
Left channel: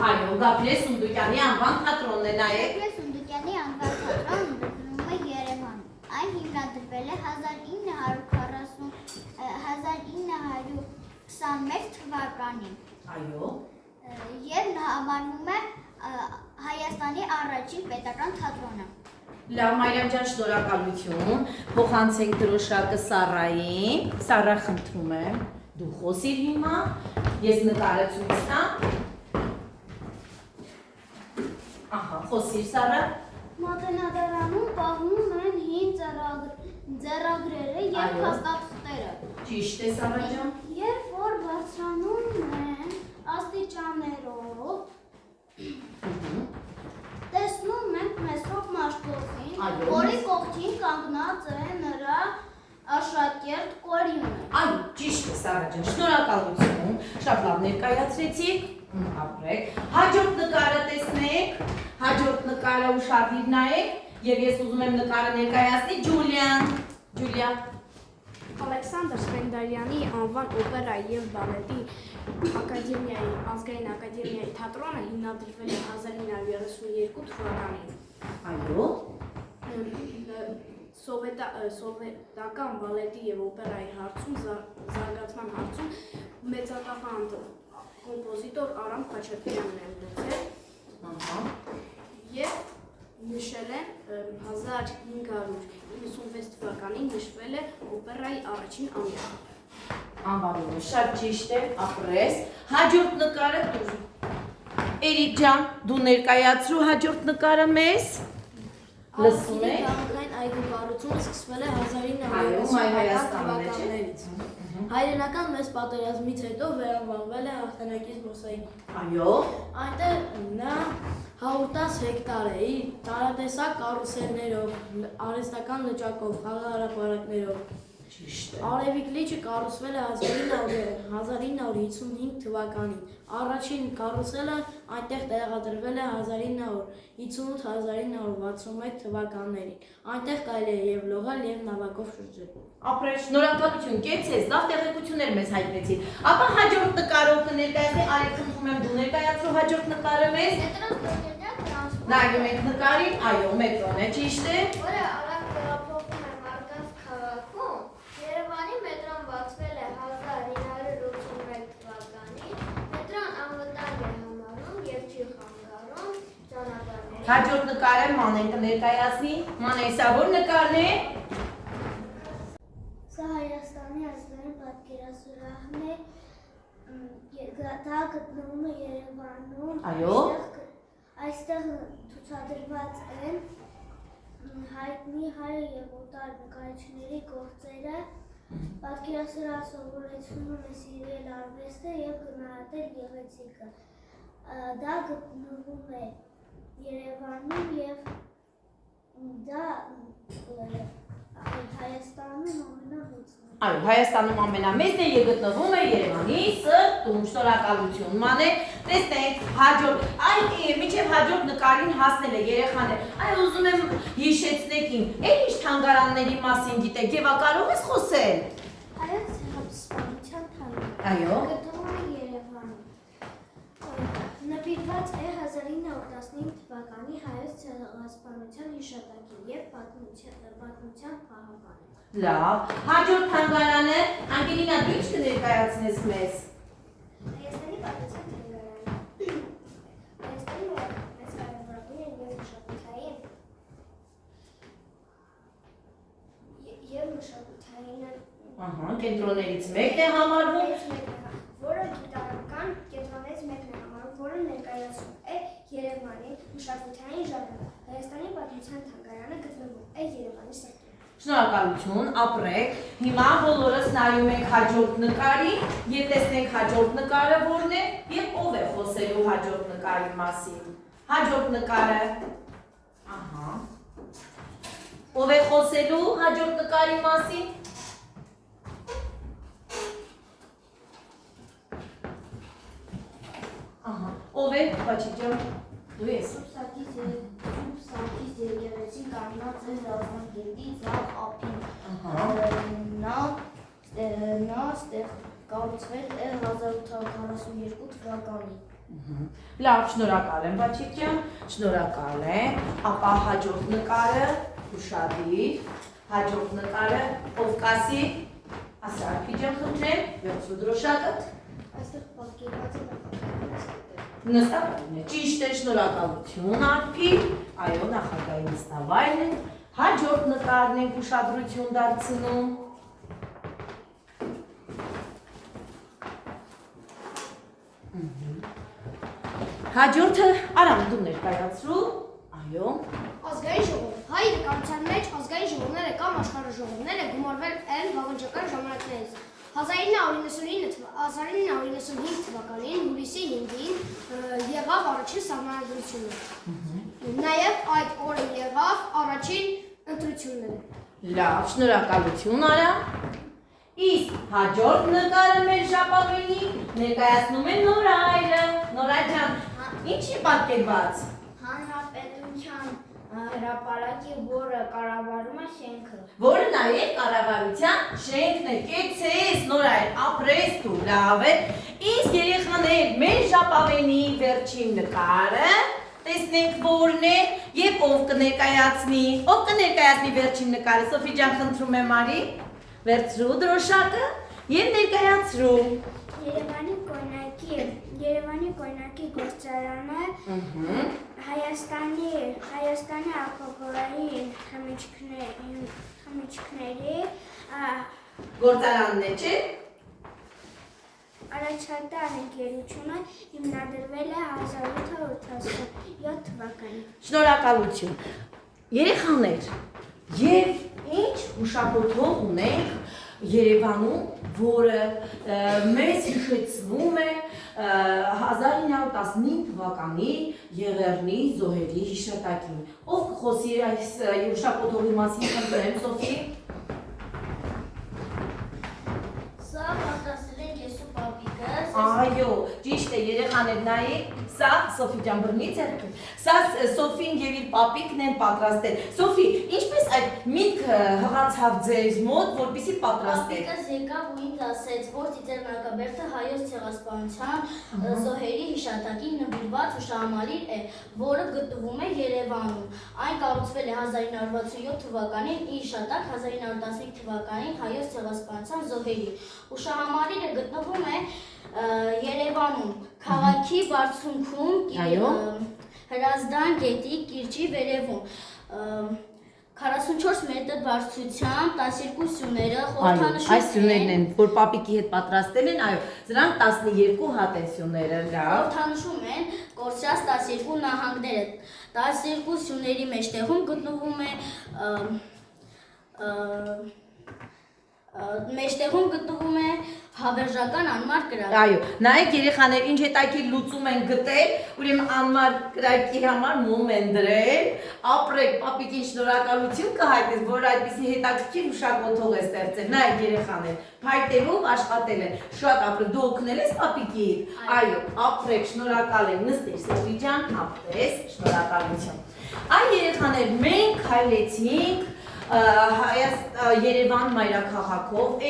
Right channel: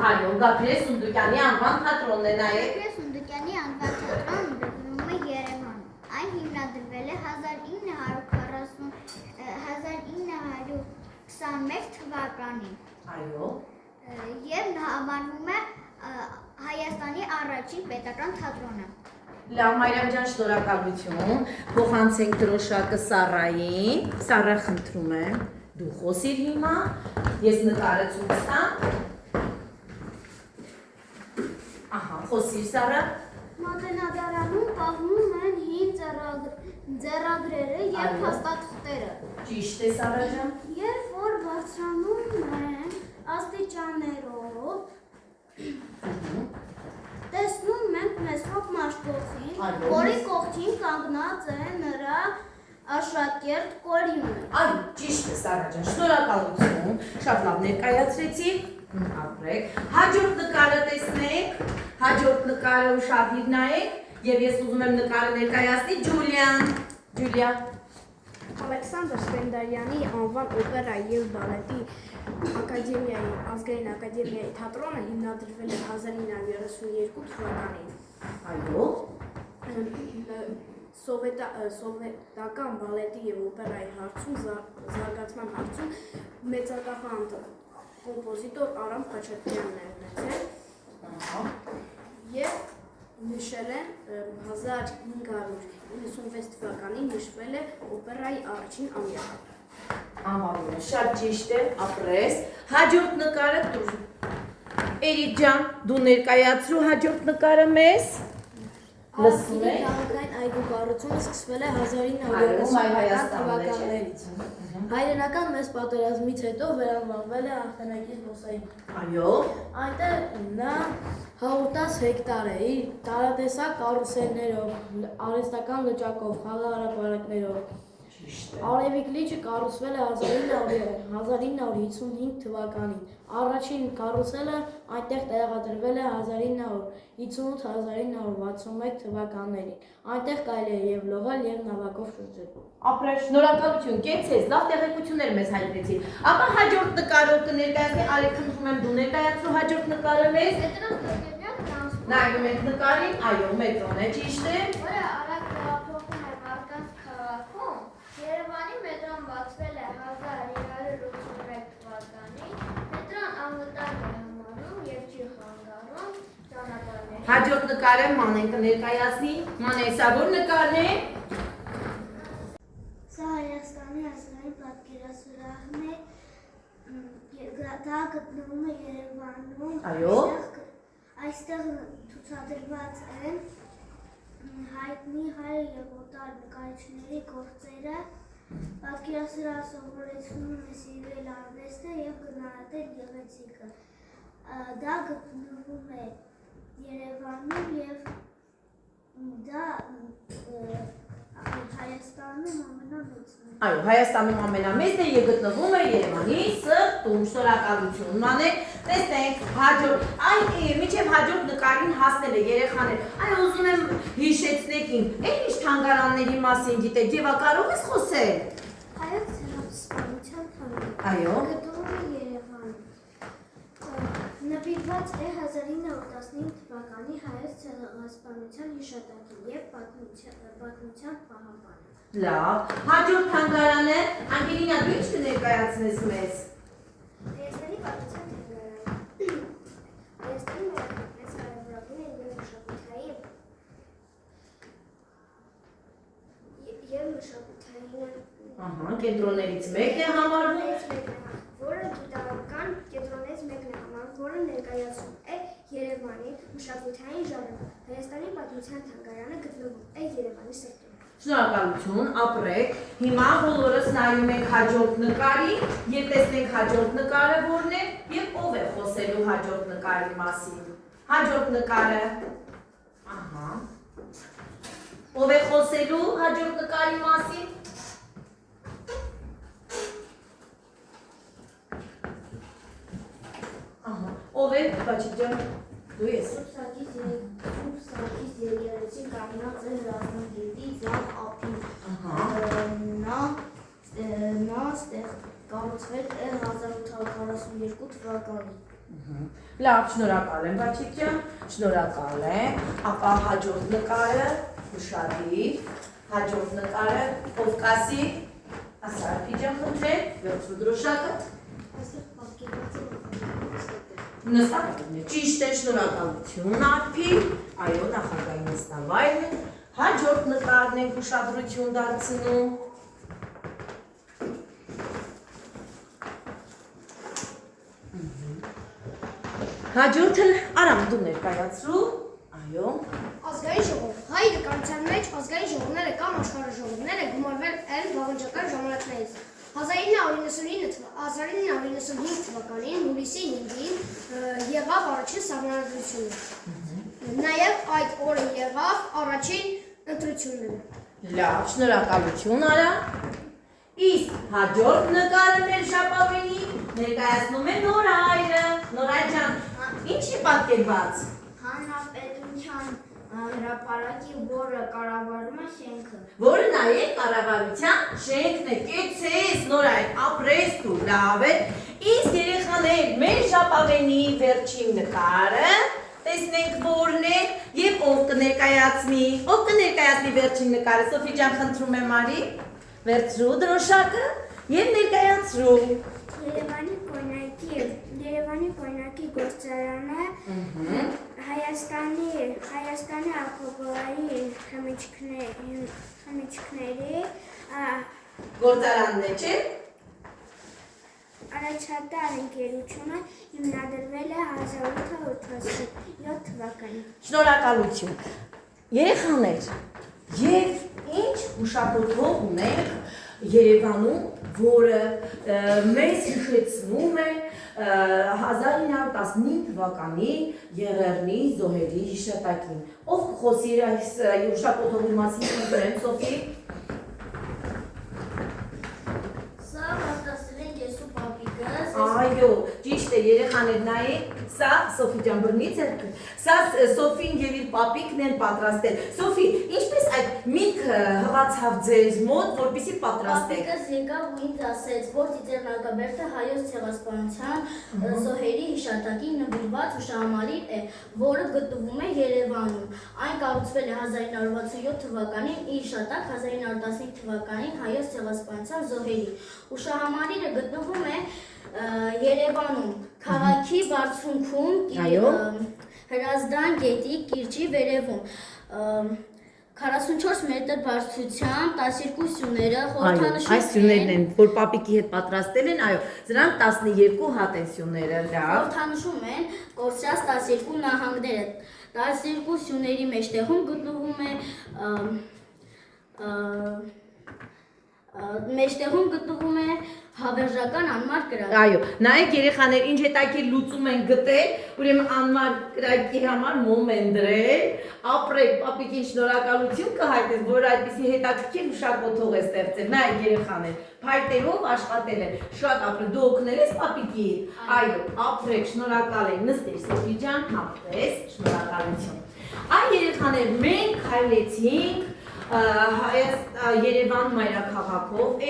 Այո, Գաբրիել Սունդուկյանի անվան թատրոնն է նայեք։ Գաբրիել Սունդուկյանի անվան թատրոնը գտնվում է Երևանում։ Այն հիմնադրվել է 1921 թվականին։ Այո։ Եվ համարվում է Հայաստանի առաջին պետական թատրոնը։ Լավ, Մարիամ ջան, շնորհակալություն։ Փոխանցենք դրոշակը Սառային։ Սառա, խնդրում եմ, դու խոսիր հիմա, ես նկարը ցույց տամ։ Ահա, խոսիր Սառա։ Մատենադարանում պահվում են հին ձեռագրերը եւ փաստաթղթերը։ Ճիշտ է Սառա ջան։ Երբ որ բարձրանում են աստիճաններով, տեսնում ենք Մեսրոպ Մաշտոցին, որի կողքին կանգնած է նրա աշակերտ Կորյունը։ Այո, ճիշտ է Սառա ջան, շնորհակալություն։ Շատ լավ ներկայացրեցիք։ Ապրեք։ Հաջորդ նկարը տեսնենք։ Հաջորդ նկարը ուշադիր նայեք եւ ես ուզում եմ նկարը ներկայացնի Ջուլիան։ Ջուլիա։ Ալեքսանդր Սպենդարյանի անվան օպերայի եւ բալետի ակադեմիայի ազգային ակադեմիայի թատրոնը հիմնադրվել է 1932 թվականին։ Այո։ Սովետական բալետի եւ օպերայի հարցում զարգացման հարցում մեծատախանդ կոմպոզիտոր Արամ Խաչատրյանն է ունեցել։ Եվ նշել են 1596 թվականին նշվել է օպերայի առաջին ամյակը։ Անվանումը շատ ճիշտ է, ապրես։ Հաջորդ նկարը դու։ Էրիկ ջան, դու ներկայացրու հաջորդ նկարը մեզ։ Լսում եք։ Քաղաքային այգու կառուցումը սկսվել է 1930 թվականներից։ Հայրենական մեծ պատերազմից հետո վերանվանվել է Ախտանակի զբոսայգի։ Այո։ Այնտեղ նա 110 հեկտար է իր տարատեսակ կարուսելներով, արհեստական լճակով, խաղահրապարակներով։ Արևիկ լիճը կառուցվել է 1955 թվականին։ Առաջին կարուսելը այնտեղ տեղադրվել է 1958-1961 թվականներին։ Այնտեղ կարելի է եւ լողալ եւ նավակով շրջել։ Ապրես, շնորհակալություն, կեցես, լավ տեղեկություններ մեզ հայտնեցի։ Ապա հաջորդ նկարով կներկայացնի, արի խնդրում եմ դու ներկայացրու հաջորդ նկարը մեզ։ Նայում ենք նկարին, այո, մետրոն է, ճիշտ է։ Որը արագ տեղափոխվում է մարդկանց քաղաքում, Երևանի մետրոն բացվել է 1981 թվականին, մետրոն անվտանգ է համարում եւ չի խանգարում ճանապարհներին։ Հաջորդ նկարը Մանեն կներկայացնի։ Մանեն, սա որ նկարն է։ Սա Հայաստանի ազգային պատկերասրահն է, դա գտնվում է Երևանում։ Այո։ Այստեղ ցուցադրված են հայտնի հայ եւ օտար նկարիչների գործերը։ Պատկերասրահը սովորեցնում է սիրել արվեստը եւ գնահատել գեղեցիկը։ Դա գտնվում է Երևանում եւ դա Հայաստանում ամենամեծն է։ Այո, Հայաստանում ամենամեծն է եւ գտնվում է Երևանի սրտում։ Շնորհակալություն Մանեն։ Տեսնենք հաջորդ, այ միջև հաջորդ նկարին հասնել է երեխաներ։ Այ ուզում եմ հիշեցնեք իմ, ինչ թանգարանների մասին գիտեք եւ կարող ես խոսել։ Հայոց ցեղասպանության թանգարան։ Այո։ Գտնվում է Երևանում։ Նվիրված է 1915 թվականի հայոց ցեղասպանության հիշատակին եւ պատմության պահապանը։ Լավ, հաջորդ թանգարանը Անգելինա դու ինչ կներկայացնես մեզ։ Հայաստանի պատմության թանգարանը։ Հայաստանի մեծ հարաբերություններ եւ մշակութային Ահա, կենտրոններից մեկն է համարվում։ որը գիտական կենտրոններից մեկն է համարվում, որը ներկայացնում է Երևանի մշակութային ժամանակ։ Հայաստանի պատմության թանգարանը գտնվում է Երևանի սրտում։ Շնորհակալություն, ապրեք։ Հիմա բոլորս նայում ենք հաջորդ նկարին եւ տեսնենք հաջորդ նկարը որն է եւ ով է խոսելու հաջորդ նկարի մասին։ Հաջորդ նկարը։ Ահա։ Ով է խոսելու հաջորդ նկարի մասին։ Ահա, ով է, Բաչիկ ջան, դու ես։ Սուրբ Սարգիս եկեղեցին կանգնած է Ռազմագետի ձախ ափին։ Նա կառուցվել է 1842 թվականին։ Լավ, շնորհակալ եմ, Բաչիկ ջան, շնորհակալ եմ։ Ապա հաջորդ նկարը, ուշադիր, հաջորդ նկարը, ով կասի, Ասարփի ջան, խնդրեմ, վերցրու դրոշակը։ Այստեղ պատկերված է նախագահի Նստավայրն է, ճիշտ է, շնորհակալություն Արփի, այո, նախագահի նստավայրն է, հաջորդ նկարն ենք ուշադրություն դարձնում։ Հաջորդը Արամ դու ներկայացրու, այո։ Ազգային ժողով։ Հայ իրականության մեջ ազգային ժողովները կամ աշխարհաժողովները գումարվել են վաղնջական ժամանակներից։ 1995 թվականին հուլիսի 5-ին եղավ առաջին սահմանադրությունը։ Նաև այդ օրը եղավ առաջին ընտրությունները։ Լավ, շնորհակալություն Արամ։ Իսկ հաջորդ նկարը մեր ժապավենի ներկայացնում է Նորայրը։ Նորայ ջան, ինչ է պատկերված։ Հանրապետության հրապարակի, որը կառավարում է շենքը։ Որը նաև կառավարության շենքն է, կեցես Նորայր, ապրես դու, լավ է։ Իսկ երեխաներ, մեր ժապավենի վերջին նկարը, տեսնենք որն է եւ ով կներկայացնի։ Ով կներկայացնի վերջին նկարը, Սոֆի ջան, խնդրում եմ արի։ Վերցրու դրոշակը եւ ներկայացրու։ Երևանի կոյնակի գործարանը Հայաստանի ալկոհոլային խմիչքների Գործարանն է, չէ՞։ առաջատար ընկերությունը հիմնադրվել է 1887 թվականին։ Շնորհակալություն։ Երեխաներ, եւ ինչ հուշագործող ունենք Երևանում, որը մեզ հիշեցնում է 1915 թվականի Եղեռնի զոհերի հիշատակին։ Ով կխոսի այս հուշագործողի մասին, խնդրեմ, Սոֆի։ Սա պատրաստել է ես ու պապիկս։ Այո, ճիշտ է, երեխաներ նայեք, սա Սոֆի ջան բռնի ձեռքը։ Սա Սոֆին եւ իր պապիկն են պատրաստել։ Սոֆի, ինչպես այդ միտքը հղացավ ձեզ մոտ, որպեսզի պատրաստեք։ Պապիկս եկավ ու ինձ ասեց, որ Ծիծեռնակաբերդը հայոց ցեղասպանության զոհերի հիշատակին նվիրված հուշահամալիր է, որը գտնվում է Երևանում։ Այն կառուցվել է 1967 թվականին, ի հիշատակ 1915 թվականին հայոց ցեղասպանության զոհերի։ Հուշահամալիրը գտնվում է Երևանում, քաղաքի բարձունքում, Հրազդան գետի կիրճի վերևում, 44 մետր բարձրությամբ 12 սյուները խորհրդանշում Այս սյուներն են, որ պապիկի հետ պատրաստել են, այո, դրանք 12 հատ են սյուները, լավ։ խորհրդանշում են կորցրած 12 նահանգները, 12 սյուների մեջտեղում գտնվում է հավերժական անմար կրակ։ Այո, նայեք երեխաներ, ինչ հետաքրքիր լուծում են գտել, ուրեմն անմար կրակի համար մոմ են դրել, ապրեք, պապիկին շնորհակալություն կհայտնես, որ այդպիսի հետաքրքիր հուշագործող է ստեղծել։ Նայեք երեխաներ, փայտերով աշխատել են, շատ ապրեք, դու օգնել ես պապիկի։ Այո, ապրեք, շնորհակալ ենք, նստիր Սոֆի ջան, ապրես, շնորհակալություն։ Այ երեխաներ, մենք քայլեցինք Երևան մայրաքաղաքով,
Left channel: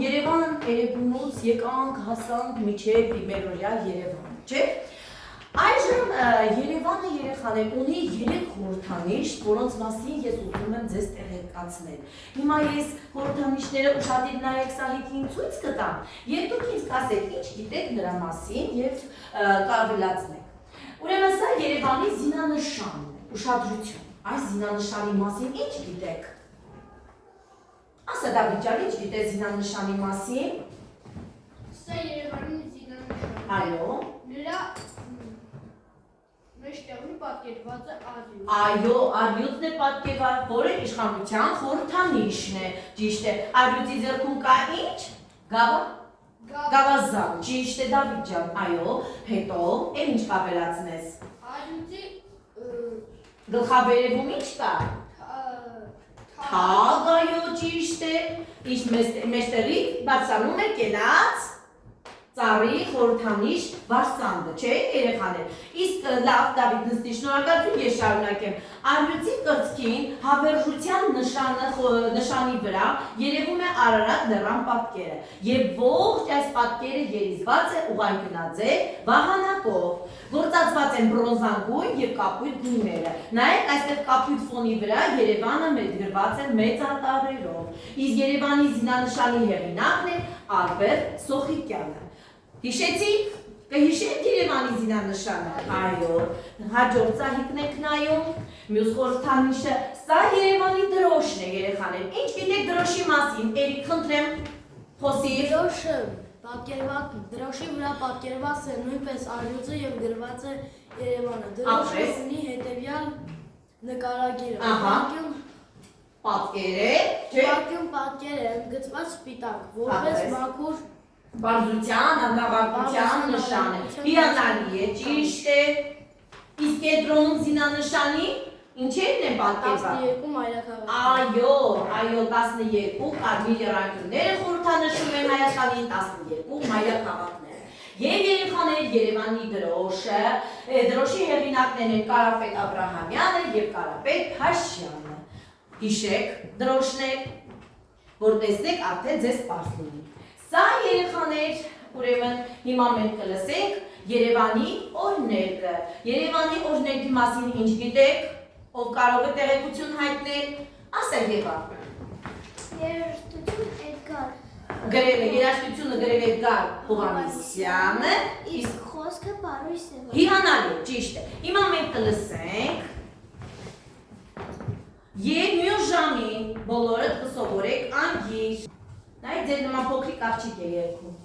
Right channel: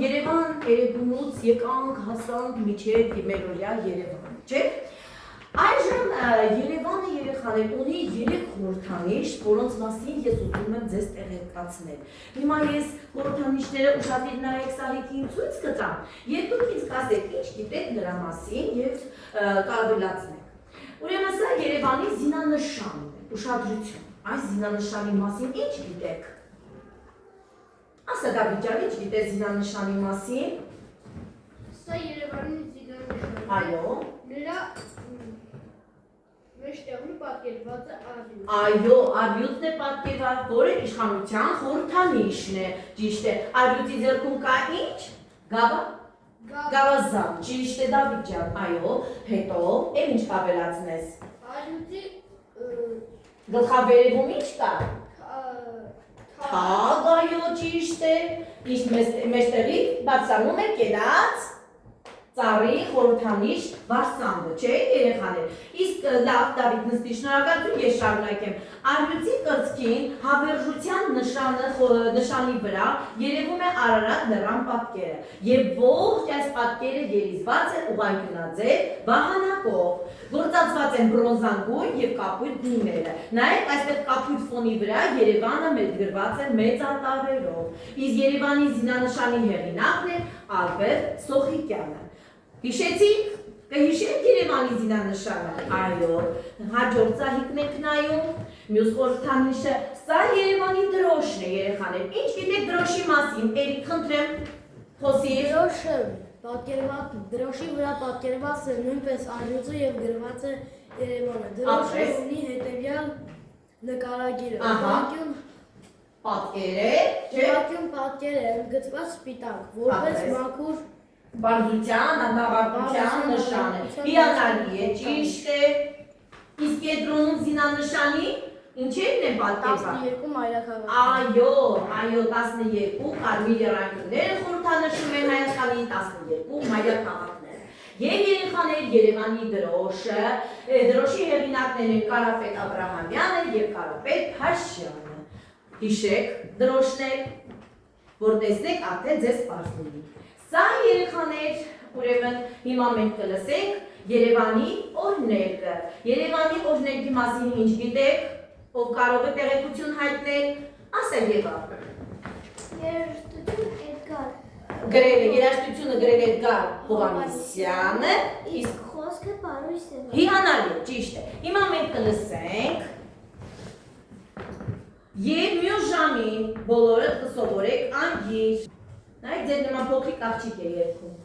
Երևանուց եկանք, հասանք միջև Մերօրյա Երևան, չէ՞։ Այժմ Երևանը երեխաներ ունի 3 խորհրդանիշ, որոնց մասին ես ուզում եմ ձեզ տեղեկացնել։ Հիմա ես խորհրդանիշները ուշադիր նայեք սալիկին ցույց կտամ, եւ դուք ինձ կասեք, ինչ գիտեք նրա մասին եւ կարողացնեք։ Ուրեմն սա Երևանի զինանշանն է, ուշադրություն։ Այս զինանշանի մասին ինչ գիտեք։ Ասա Դավիթ ջան, ինչ գիտես զինանշանի մասին։ Սա Երևանի զինանշանն է։ Այո։ Նրա մեջտեղում պատկերված է արյուծ։ Այո, արյուծն է պատկերված, որը իշխանության խորհրդանիշն է։ Ճիշտ է։ Արյուծի ձեռքում կա ինչ։ Գավազան։ Ճիշտ է Դավիթ ջան։ Այո, հետո էլ ինչ կավելացնես։ Արյուծի Գլխավերևում ինչ կա։ Թագ, այո, ճիշտ է։ Իսկ մեջտեղից բարձրանում է կենաց ծառի խորհրդանիշ վարսանդը, չէ՞ երեխաներ։ Իսկ լավ, Դավիթ, նստի, շնորհակալություն, ես շարունակեմ։ Առյուծի կրծքին հավերժության նշանի վրա երևում է Արարատ լեռան պատկերը, եւ ողջ այս պատկերը երիզված է ուղղանկյունաձև վահանակով, գործածված են բրոնզանգույն եւ կապույտ գույները։ Նայեք, այստեղ կապույտ ֆոնի վրա Երևանը մեծագրված է մեծ արտարերով։ Իսկ Երևանի զինանշանի հեղինակն է Ալբերտ Սոխիկյանը։ Հիշեցիք, կհիշեք Երևանի զինանշանը։ Այո, հաջորդ ծաղիկն եք նայում, մյուս խորհրդանիշը, սա Երևանի դրոշն է, երեխաներ։ Ինչ գիտեք դրոշի մասին, Էրիկ, խնդրեմ, խոսիր։ Դրոշի վրա պատկերված է նույնպես առյուծը եւ գրված է Երևանը։ Դրոշը ունի հետեւյալ նկարագիրը։ Պատկեր է, չէ՞։ Պատկեր է ընդգծված սպիտակ, որպես մաքուր բարձրության, աննավարկության նշան է։ Հիանալի է, ճիշտ է։ Իսկ կենտրոնում զինանշանի ինչերն են պատկերված։ 12 մայրաքաղաք։ Այո, 12 կարմիր եռանկյունները խորհրդանշում են Հայաստանի 12 մայրաքաղաքները։ Եվ երեխաներ Երևանի դրոշը, դրոշի հեղինակներն են Կարապետ Աբրահամյանը եւ Կարապետ Փաշյանը։ Հիշեք դրոշներ, որ տեսնեք արդեն ձեզ պարզ լինի։ Սա երեխաներ, ուրեմն հիմա մենք կլսենք Երևանի օրհներգը։ Երևանի օրհներգի մասին ինչ գիտեք, ով կարող է տեղեկություն հայտնել, ասել Եվա։ Երաժշտություն Էդգար։ Երաժշտությունը գրել է Էդգար Հովհաննիսյանը, իսկ խոսքը Պարույս է։ Հիանալի, ճիշտ է։ Հիմա մենք կլսենք եւ մյուս ժամին բոլորը կսովորեք անգիր։ Նայեք, ձեր նման փոքրիկ աղջիկ է երգում։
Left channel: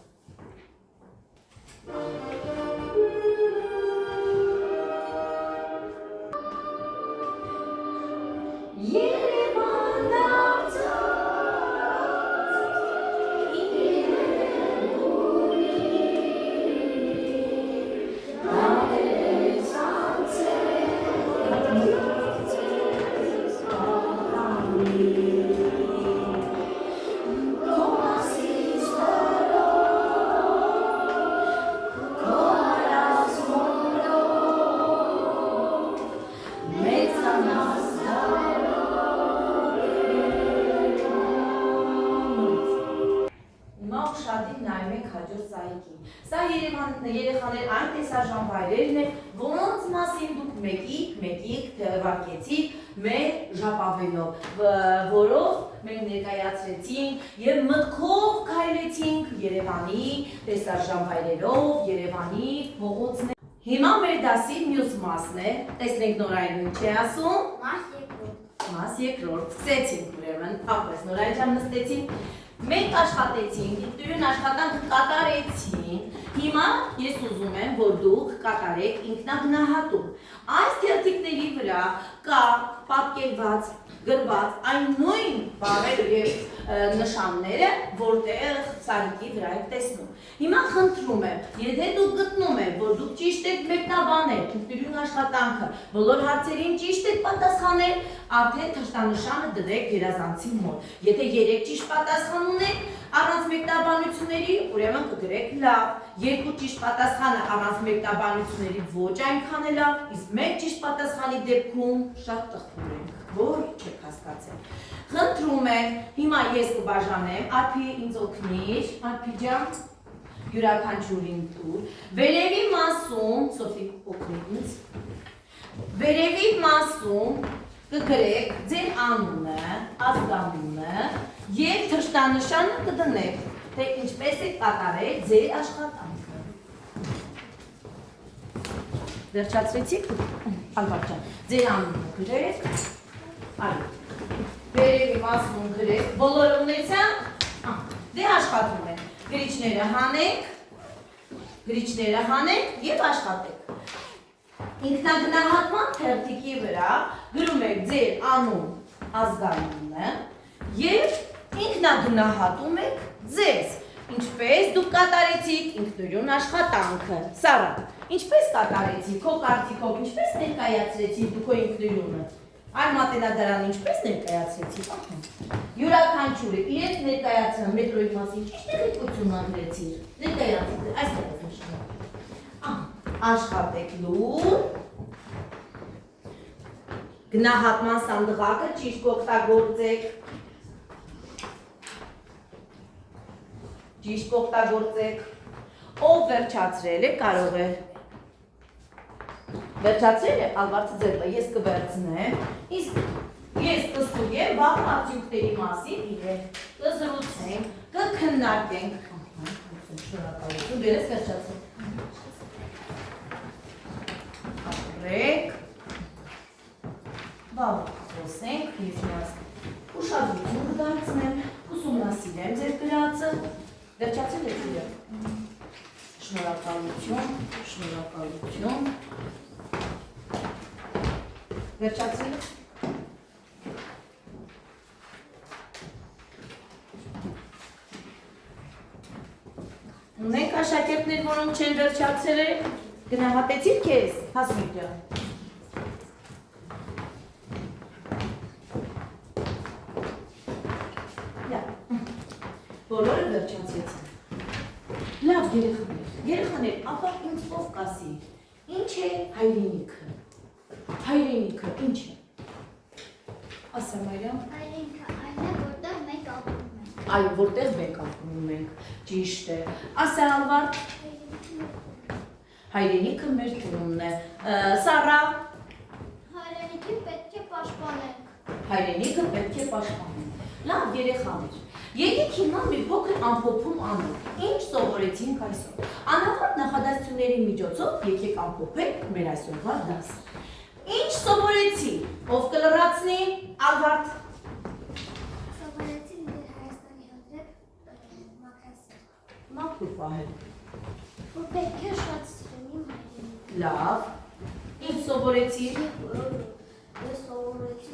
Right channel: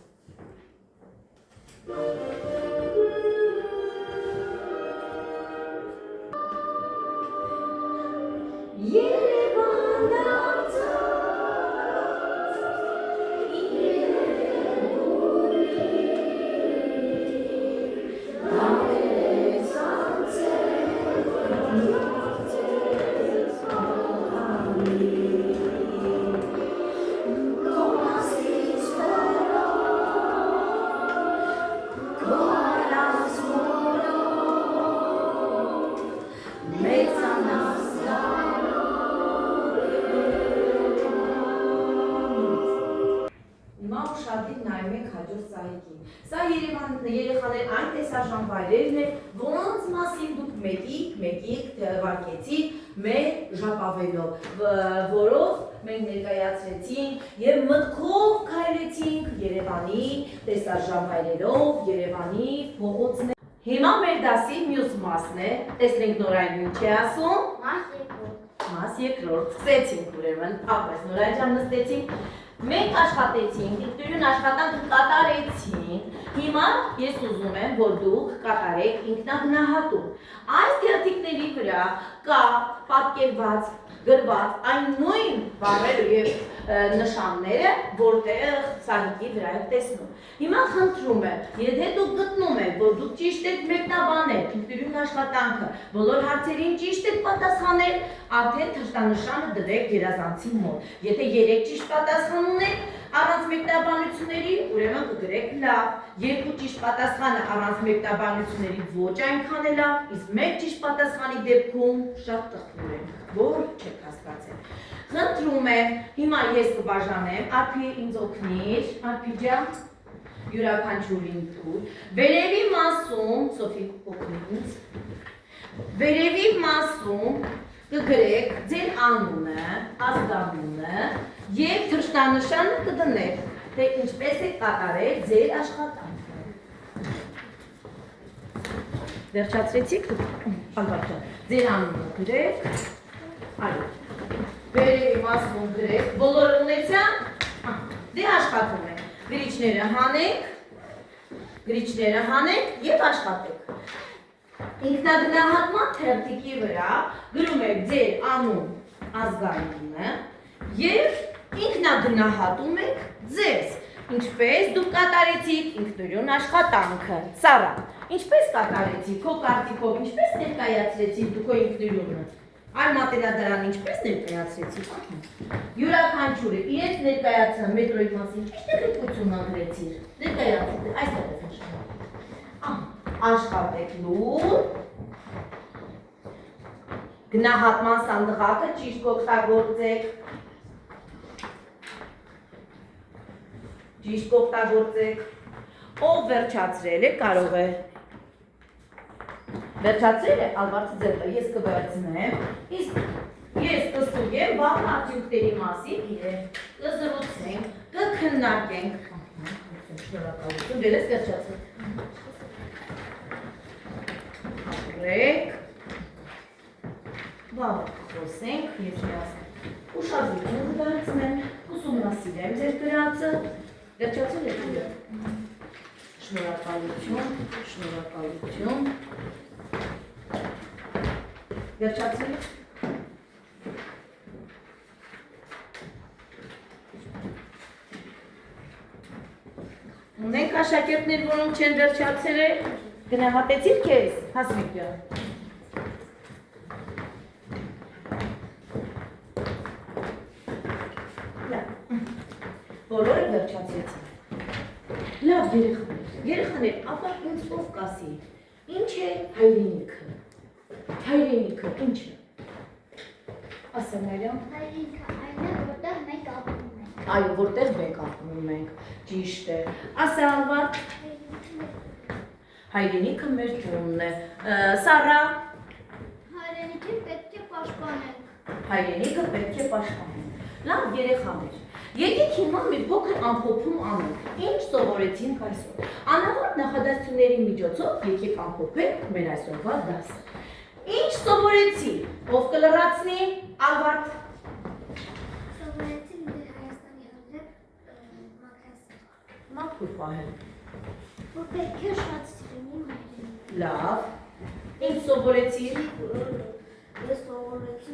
Սա երեխաներ այն տեսարժան վայրերն են, որոնց մասին դուք մեկիկ թվարկեցիք մեր ժապավենով, որով մենք ներկայացրեցինք եւ մտքով քայլեցինք Երևանի տեսարժան վայրերով, Երևանի փողոցներ։ Հիմա մեր դասի մյուս մասն է, տեսնենք Նորային ինչ է ասում։ Մաս երկրորդ, սկսեցինք ուրեմն, ապրես Նորային ջան նստեցինք։ Մենք աշխատեցինք, ինքնուրույն աշխատանք կատարեցինք, հիմա ես ուզում եմ, որ դուք կատարեք ինքնագնահատում։ Այս թերթիկների վրա կա պատկերված, գրված այն նույն բառերը եւ նշանները, որտեղ սարիկի վրա եք տեսնում։ Հիմա խնդրում եմ, եթե դուք գտնում եք, որ դուք ճիշտ եք մեկնաբանել ինքնուրույն աշխատանքը, բոլոր հարցերին ճիշտ եք պատասխանել, արդեն թշնամշանը դրեք երազանցի մոտ։ Եթե 3 ճիշտ պատասխան ունեք, առանց մեկնաբանությունների, ուրեմն կգրեք լավ, 2 ճիշտ պատասխանը առանց մեկնաբանությունների ոչ այնքան է լավ, իսկ 1 ճիշտ պատասխանի դեպքում շատ տխուր ենք, որ չեք հասկացել։ Խնդրում եմ, հիմա ես կբաժանեմ, Արփի ինձ օգնիր, Արփի ջան, յուրաքանչյուրին տուր, վերևի մասում, Սոֆի օգնի ինձ, վերևի մասում կգրեք ձեր անունը, ազգանունը և թշնամշանը կդնեք, թե ինչպես եք կատարել ձեր աշխատանքը։ Վերջացրեցիք, Ալբարտ ջան, ձեր անունը գրեք, այո, վերևի մասում գրեք, բոլորը ունեցան, դե աշխատում եք, գրիչները հանեք և աշխատեք։ Ինքնագնահատման թերթիկի վրա գրում եք ձեր անուն, ազգանունը և ինքնագնահատում եք ձեզ, ինչպես դուք կատարեցիք ինքնուրույն աշխատանքը։ Սառա, ինչպես կատարեցիք, քո կարծիքով, ինչպես ներկայացրեցիք դուք քո ինքնուրույնը։ Այլ մատենադարան ինչպես ներկայացրեցի։ Յուրաքանչյուրը իրենց ներկայացնա մետրոյի մասին ճիշտ տեղեկություն անգրեցիր։ Ներկայացրեք, այստեղ է նշանակում։ Աշխատեք լուր։ Գնահատման սանդղակը ճիշտ օգտագործեք։ Ճիշտ օգտագործեք։ Ով վերջացրել է, կարող է։ Վերջացրել է, Ալվարդը ձեռը, ես կվերցնեմ, իսկ ես կստուգեմ վաղ արդյունքների մասին իրեն, կզրուցենք, կքննարկենք։ Շնորհակալություն, դեր ես վերջացրեք։ Ապրեք։ Վաղ խոսենք, ես իրաց ուշադրություն կդարձնեմ, ուսումնասիրեմ ձեր գրածը, վերջացրել եք իրը։ Շնորհակալություն, շնորհակալություն։ Վերջացրել եք։ Ունենք աշակերտներ, որոնք չեն վերջացրել, գնահատեցիր քեզ, Հասմիկ ջան։ Բոլորը վերջացեցին։ Լավ երեխաներ, ապա ինձ ով կասի, ինչ է հայրենիքը։ Հայրենիքը ինչ է։ Ասա Մարիամ։ Հայրենիքը այն է, որտեղ մենք ապրում ենք։ Այո, որտեղ մենք ապրում ենք, ճիշտ է։ Ասա Ալվարդ։ Հայրենիքը մեր տունն է։ Սարա։ Հայրենիքը պետք է պաշտպանենք։ Հայրենիքը պետք է պաշտպանենք։ Լավ երեխաներ։ Եկեք հիմա մի փոքր ամփոփում անենք։ Ինչ սովորեցինք այսօր։ Անհավատ նախադասությունների միջոցով եկեք ամփոփենք մեր այսօրվա դասը։ Ինչ սովորեցի։ Ով կլրացնի, Ալվարդ։ Սովորեցին դեր Հայաստանի հանդեպ մաքրասը։ Մաքուր պահել։ Որ պետք է շատ սիրեմ իմ հայրենիքը։ Լավ։ Ինչ սովորեցի։ Ես սովորեցի,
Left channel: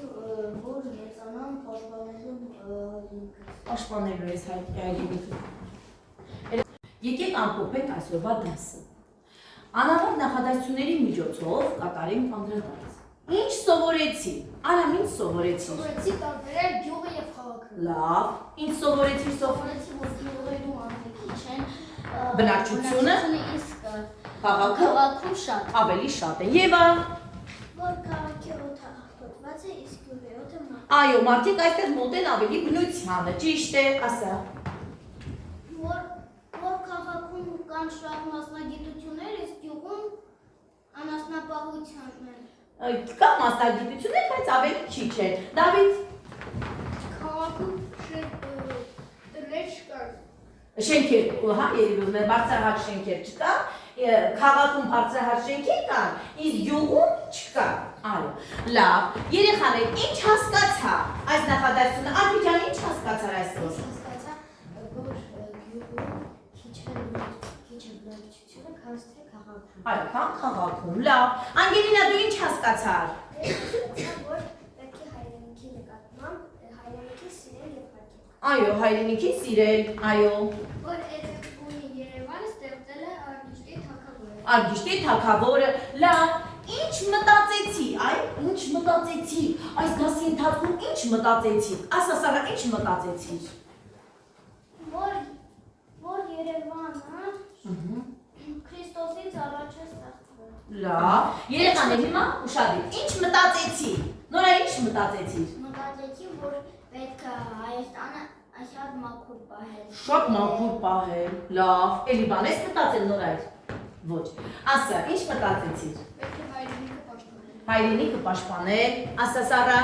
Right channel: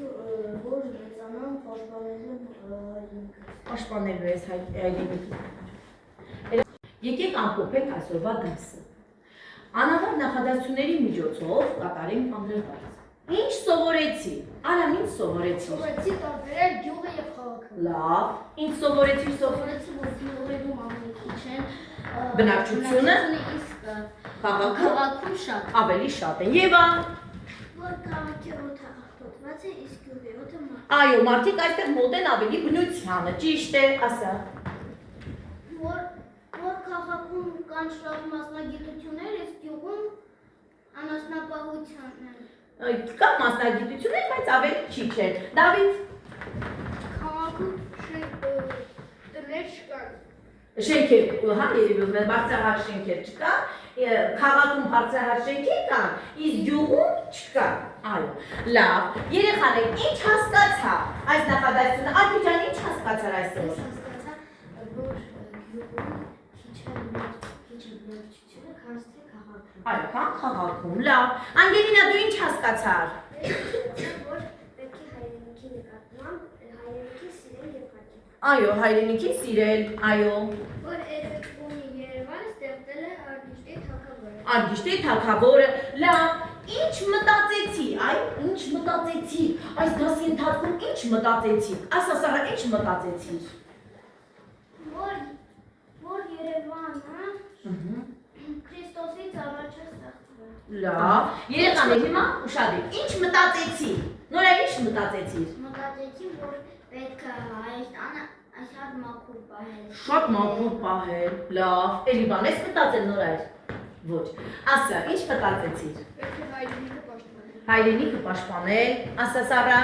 որ մեծանամ պաշտպանելու հայրենիքը։ Պաշտպանելու ես հայրենիքը։ Եկեք ամփոփենք այսօրվա դասը։ Անհավատ նախադասությունների միջոցով կատարենք անդրադարձ։ Ինչ սովորեցի։ Արամ, ինչ սովորեցի։ Սովորեցի տարբերել գյուղը եւ քաղաքը։ Լավ։ Ինչ սովորեցի Սովորեցի, որ գյուղերում ավելի քիչ են բնակչությունը, իսկ քաղաքը քաղաքում շատ։ ավելի շատ է։ Եվա։ Որ քաղաքի օդը աղտոտված է, իսկ գյուղի օդը մաքուր։ Այո, մարդիկ այստեղ մոտ են ավելի բնությանը, ճիշտ է, ասա։ Որ քաղաքում կան շատ մասնագիտություններ, իսկ գյուղում անասնապահության են։ Կա մասնագիտություններ, բայց ավելի քիչ են։ Դավիթ։ Քաղաքում տներ չկան։ Շենքեր, հա, երևում է բարձրահարկ շենքեր չկան, քաղաքում բարձրահարկ շենքեր կան, իսկ գյուղում չկան։ Այո, լավ։ Երեխաներ, ինչ հասկացա այս նախադասությունը։ Ալբիջան, ինչ հասկացար այսօր։ Հասկացա, որ գյուղում քիչ են բնակչությունը, քան թե քաղաքում։ Այո, քան քաղաքում, լավ։ Անգելինա, դու ինչ հասկացար։ Որ պետք է հայրենիքի նկատմամբ հայրենիքի սիրել եւ հարգել։ Այո, հայրենիքին սիրել, այո։ Որ Էրեբունի Երևանը ստեղծել է Արգիշտի թագավորը։ Արգիշտի թագավորը, լավ։ Ինչ մտածեցի, այ, ինչ մտածեցի։ Այս դասի ընթացքում ինչ մտածեցիք։ Ասա Սարա, ինչ մտածեցիր։ Որ Երևանը Քրիստոսից առաջ է ստեղծվել։ Լավ։ Երեխաներ, հիմա ուշադիր։ Ինչ մտածեցի։ Նորա, ինչ մտածեցիր։ Մտածեցի, որ պետք է Հայաստանը շատ մաքուր պահել։ Շատ մաքուր պահել, լավ։ Էլի բան ես մտածել Նորա։ Ոչ։ Ասա, ինչ մտածեցիր։ Պետք է հայրենիքը պաշտպանել։ Հայրենիքը պաշտպանել, ասա Սարա։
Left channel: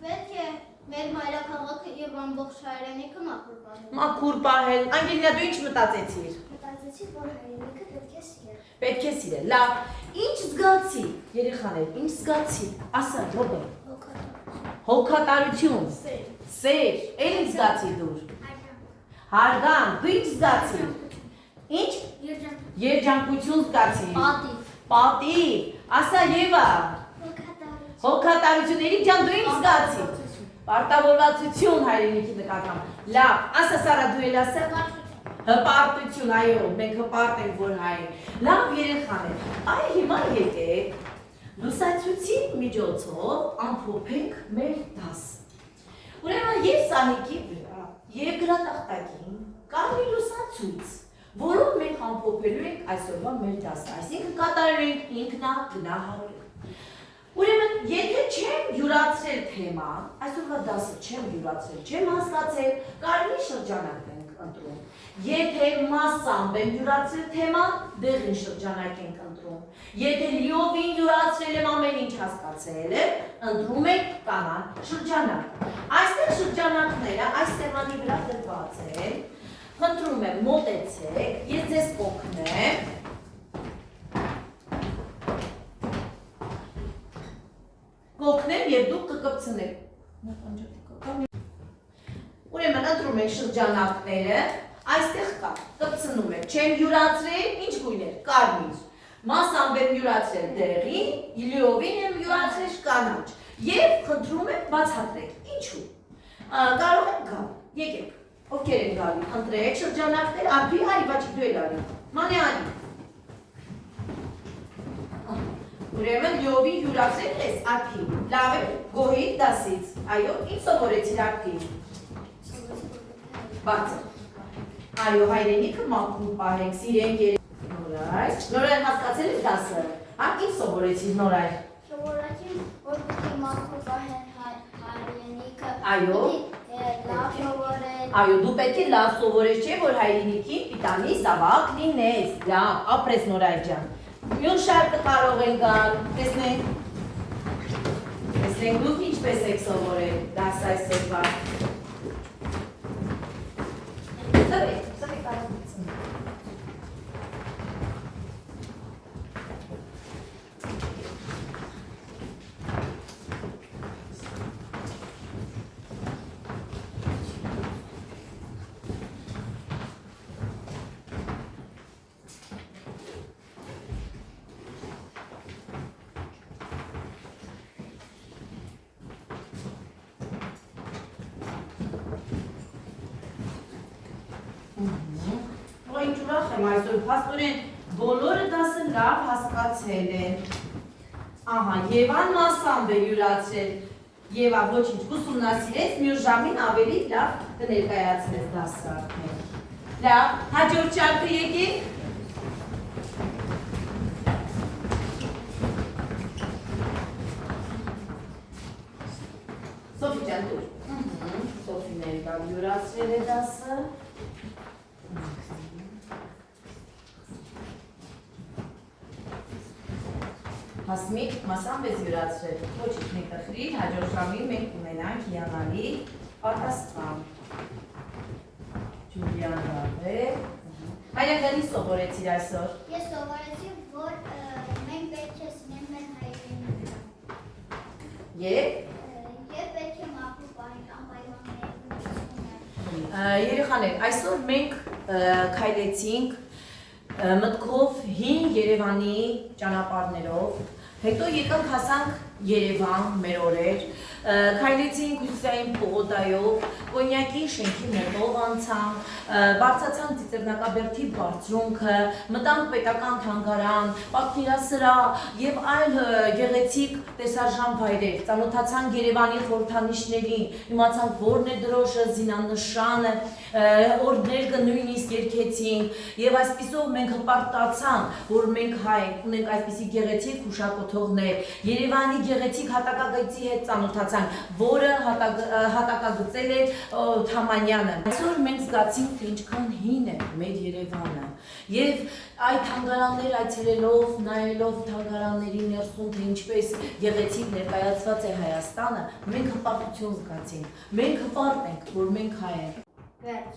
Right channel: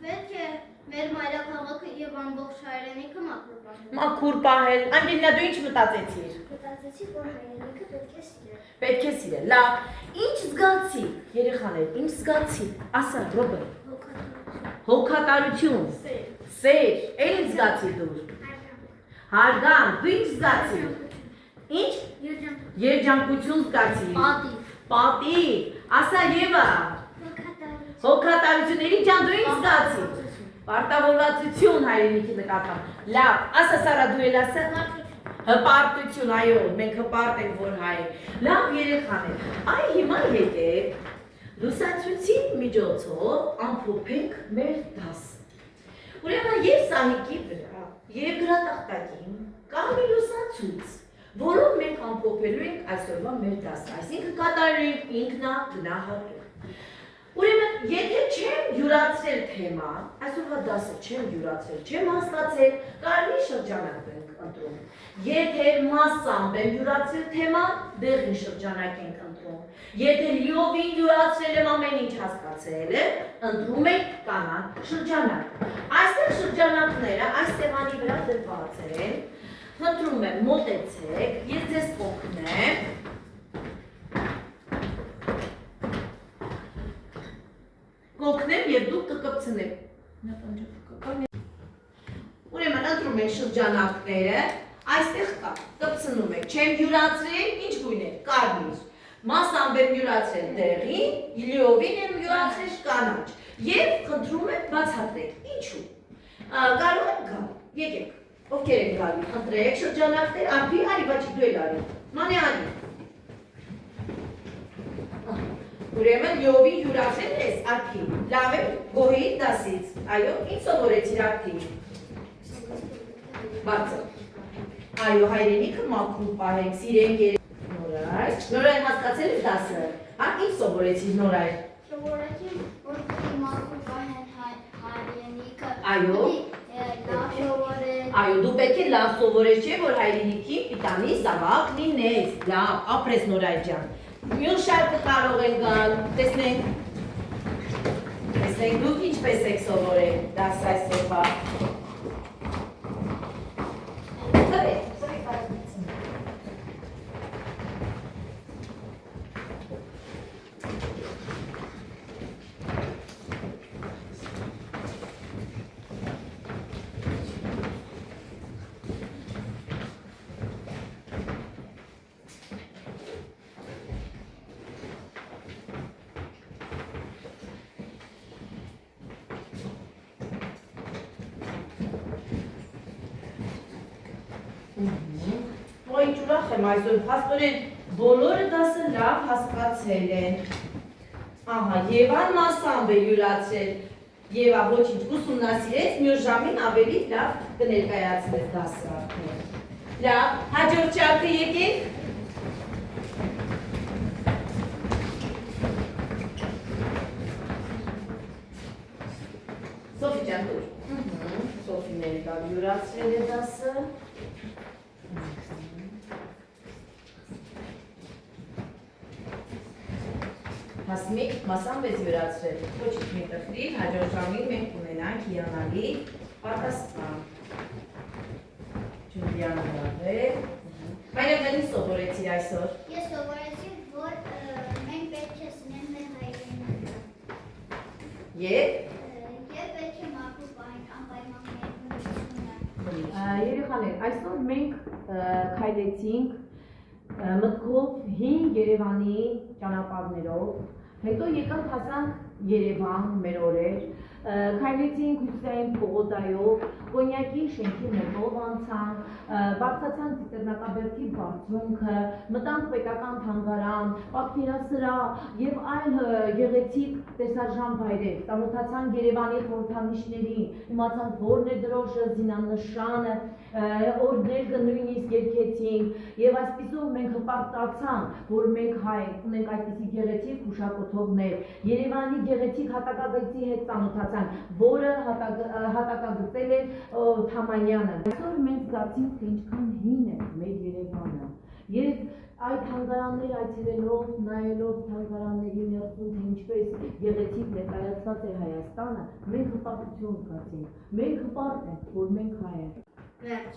Պետք է մեր մայրաքաղաքը եւ ամբողջ հայրենիքը մաքուր պահել։ Մաքուր պահել։ Անգելինա, դու ինչ մտածեցիր։ Մտածեցի, որ հայրենիքը պետք է սիրել։ Պետք է սիրել, լավ։ Ինչ զգացի, երեխաներ, ինչ զգացի։ Ասա, Ռոբեր։ Հոգատարություն։ Սեր, էլ ինչ զգացի դու։ Հարգանք, դու ինչ զգացի։ Ինչ։ Երջանկություն զգացի։ Պատիվ։ Ասա Եվա։ Հոգատարությունների ջան, դու ինչ զգացի։ Պարտավորվածություն հայրենիքի նկատմամբ։ Լավ, ասա Սարա, դու էլ ասա։ Հպարտություն, այո, մենք հպարտ ենք որ հայ։ Լավ երեխաներ, այ հիմա եկեք, Լուսացույցի միջոցով ամփոփենք մեր դասը։ Ուրեմն եւ սահիկի վրա, եւ գրատախտակին կա մի լուսացույց, որով մենք ամփոփելու ենք այսօրվա մեր դասը, այսինքն կատարելու ենք ինքնագնահատում։ Ուրեմն, եթե չեմ յուրացրել թեման, այսօրվա դասը չեմ յուրացրել, չեմ հասկացել, կարմիր շրջանակ ենք ընտրում։ Եթե մասամբ եմ յուրացրել թեման, դեղին շրջանակ ենք ընտրում։ Եթե լիովին յուրացրել եմ ամեն ինչ հասկացել եմ, ընտրում ենք կանան շրջանակ։ Այստեղ շրջանակները այս տեղանի վրա դրված են, խնդրում եմ մոտեցեք, ես ձեզ կօգնեմ։ Կօգնեմ եւ դուք կկպցնեք։ Ուրեմն ընտրում եք շրջանակները, այստեղ կա, կպցնում եք, չեմ յուրացրել, ինչ գույներ, կարմիր, մասամբ եմ յուրացրել դեղին, լիովին եմ յուրացրել կանաչ եւ խնդրում եմ բացատրեք, ինչու։ Կարող եք գալ, եկեք, ովքեր են գալի, խնդրեք շրջանակներ, ափի արի, բաչի դու եք արի, մանե արի։ Ուրեմն լիովին յուրացրել ես ափի, լավ է գոհի դասից, այո, ինչ սովորեցիր ափի։ Բացը։ Այո, հայրենիքը մաքուր պահենք, սիրենք Նորայր։ Նորայր հասկացել եք դասը, հա, ինչ սովորեցիր Նորայր։ Սովորեցի, որ պիտի մաքուր պահեն հայրենիքը։ Այո։ Լավ սովորել։ Այո, դու պետք է լավ սովորես, չէ, որ հայրենիքի պիտանի զավակ լինես, լավ, ապրես Նորայր ջան։ Մյուս շարքը կարող են գալ, տեսնենք դուք ինչպես եք սովորել դասը այսօրվա։ Ինչ ուրախ եմ այսօր, փաստորեն բոլորը դասը լավ հասկացել են։ Ահա, Եվան մասամբ է յուրացրել, Եվա ոչինչ ուսումնասիրեց, մյուս ժամին ավելի լավ կներկայացնես դասը արդեն։ Լավ, հաջորդ շարքը եկեք։ Սոֆի ջան, դուր։ Սոֆին էլ լավ յուրացրել է դասը։ Հասմիկ, մասամբ ես յուրացրել, ոչինչ մի տխրիր, հաջորդ ժամին մենք ունենանք հիանալի պատասխան։ Ջուլիան լավ է։ Հայրենի սովորեցիր այսօր։ Ես սովորեցի, որ մենք պետք է սնենք մեր հայրենիքը։ Եվ պետք է մաքուր պահենք անպայման երեխաներ, այսօր մենք քայլեցինք մտքով հին Երևանի ճանապարհներով, հետո եկանք հասանք Երևան, մեր օրեր, քայլեցինք Հյուսիսային պողոտայով, Կոնյակի շենքի մոտով անցանք, բարձրացանք Ծիծեռնակաբերդի բարձրունքը, մտանք պետական թանգարան, պատկերասրահ եւ այլ գեղեցիկ տեսարժան վայրեր, ծանոթացանք Երևանի խորհրդանիշներին, իմացանք որն է դրոշը, զինանշանը, օրդերքը նույնիսկ երգեցինք եւ այսպիսով մենք հպարտացանք, որ մենք հայ ենք, ունենք այսպիսի գեղեցիկ հուշակոթողներ, Երևանի գեղեցիկ հատակագծի հետ ծանոթացանք, որը հատակագծել է Թամանյանը։ Այսօր մենք զգացինք, թե ինչքան հին է մեր Երևանը եւ այդ թանգարաններ այցելելով, նայելով թանգարանների ներսում, թե ինչպես գեղեցիկ ներկայացված է Հայաստանը, մենք հպարտություն զգացինք։ Մենք հպարտ ենք, որ մենք հայ ենք։ Վերջ։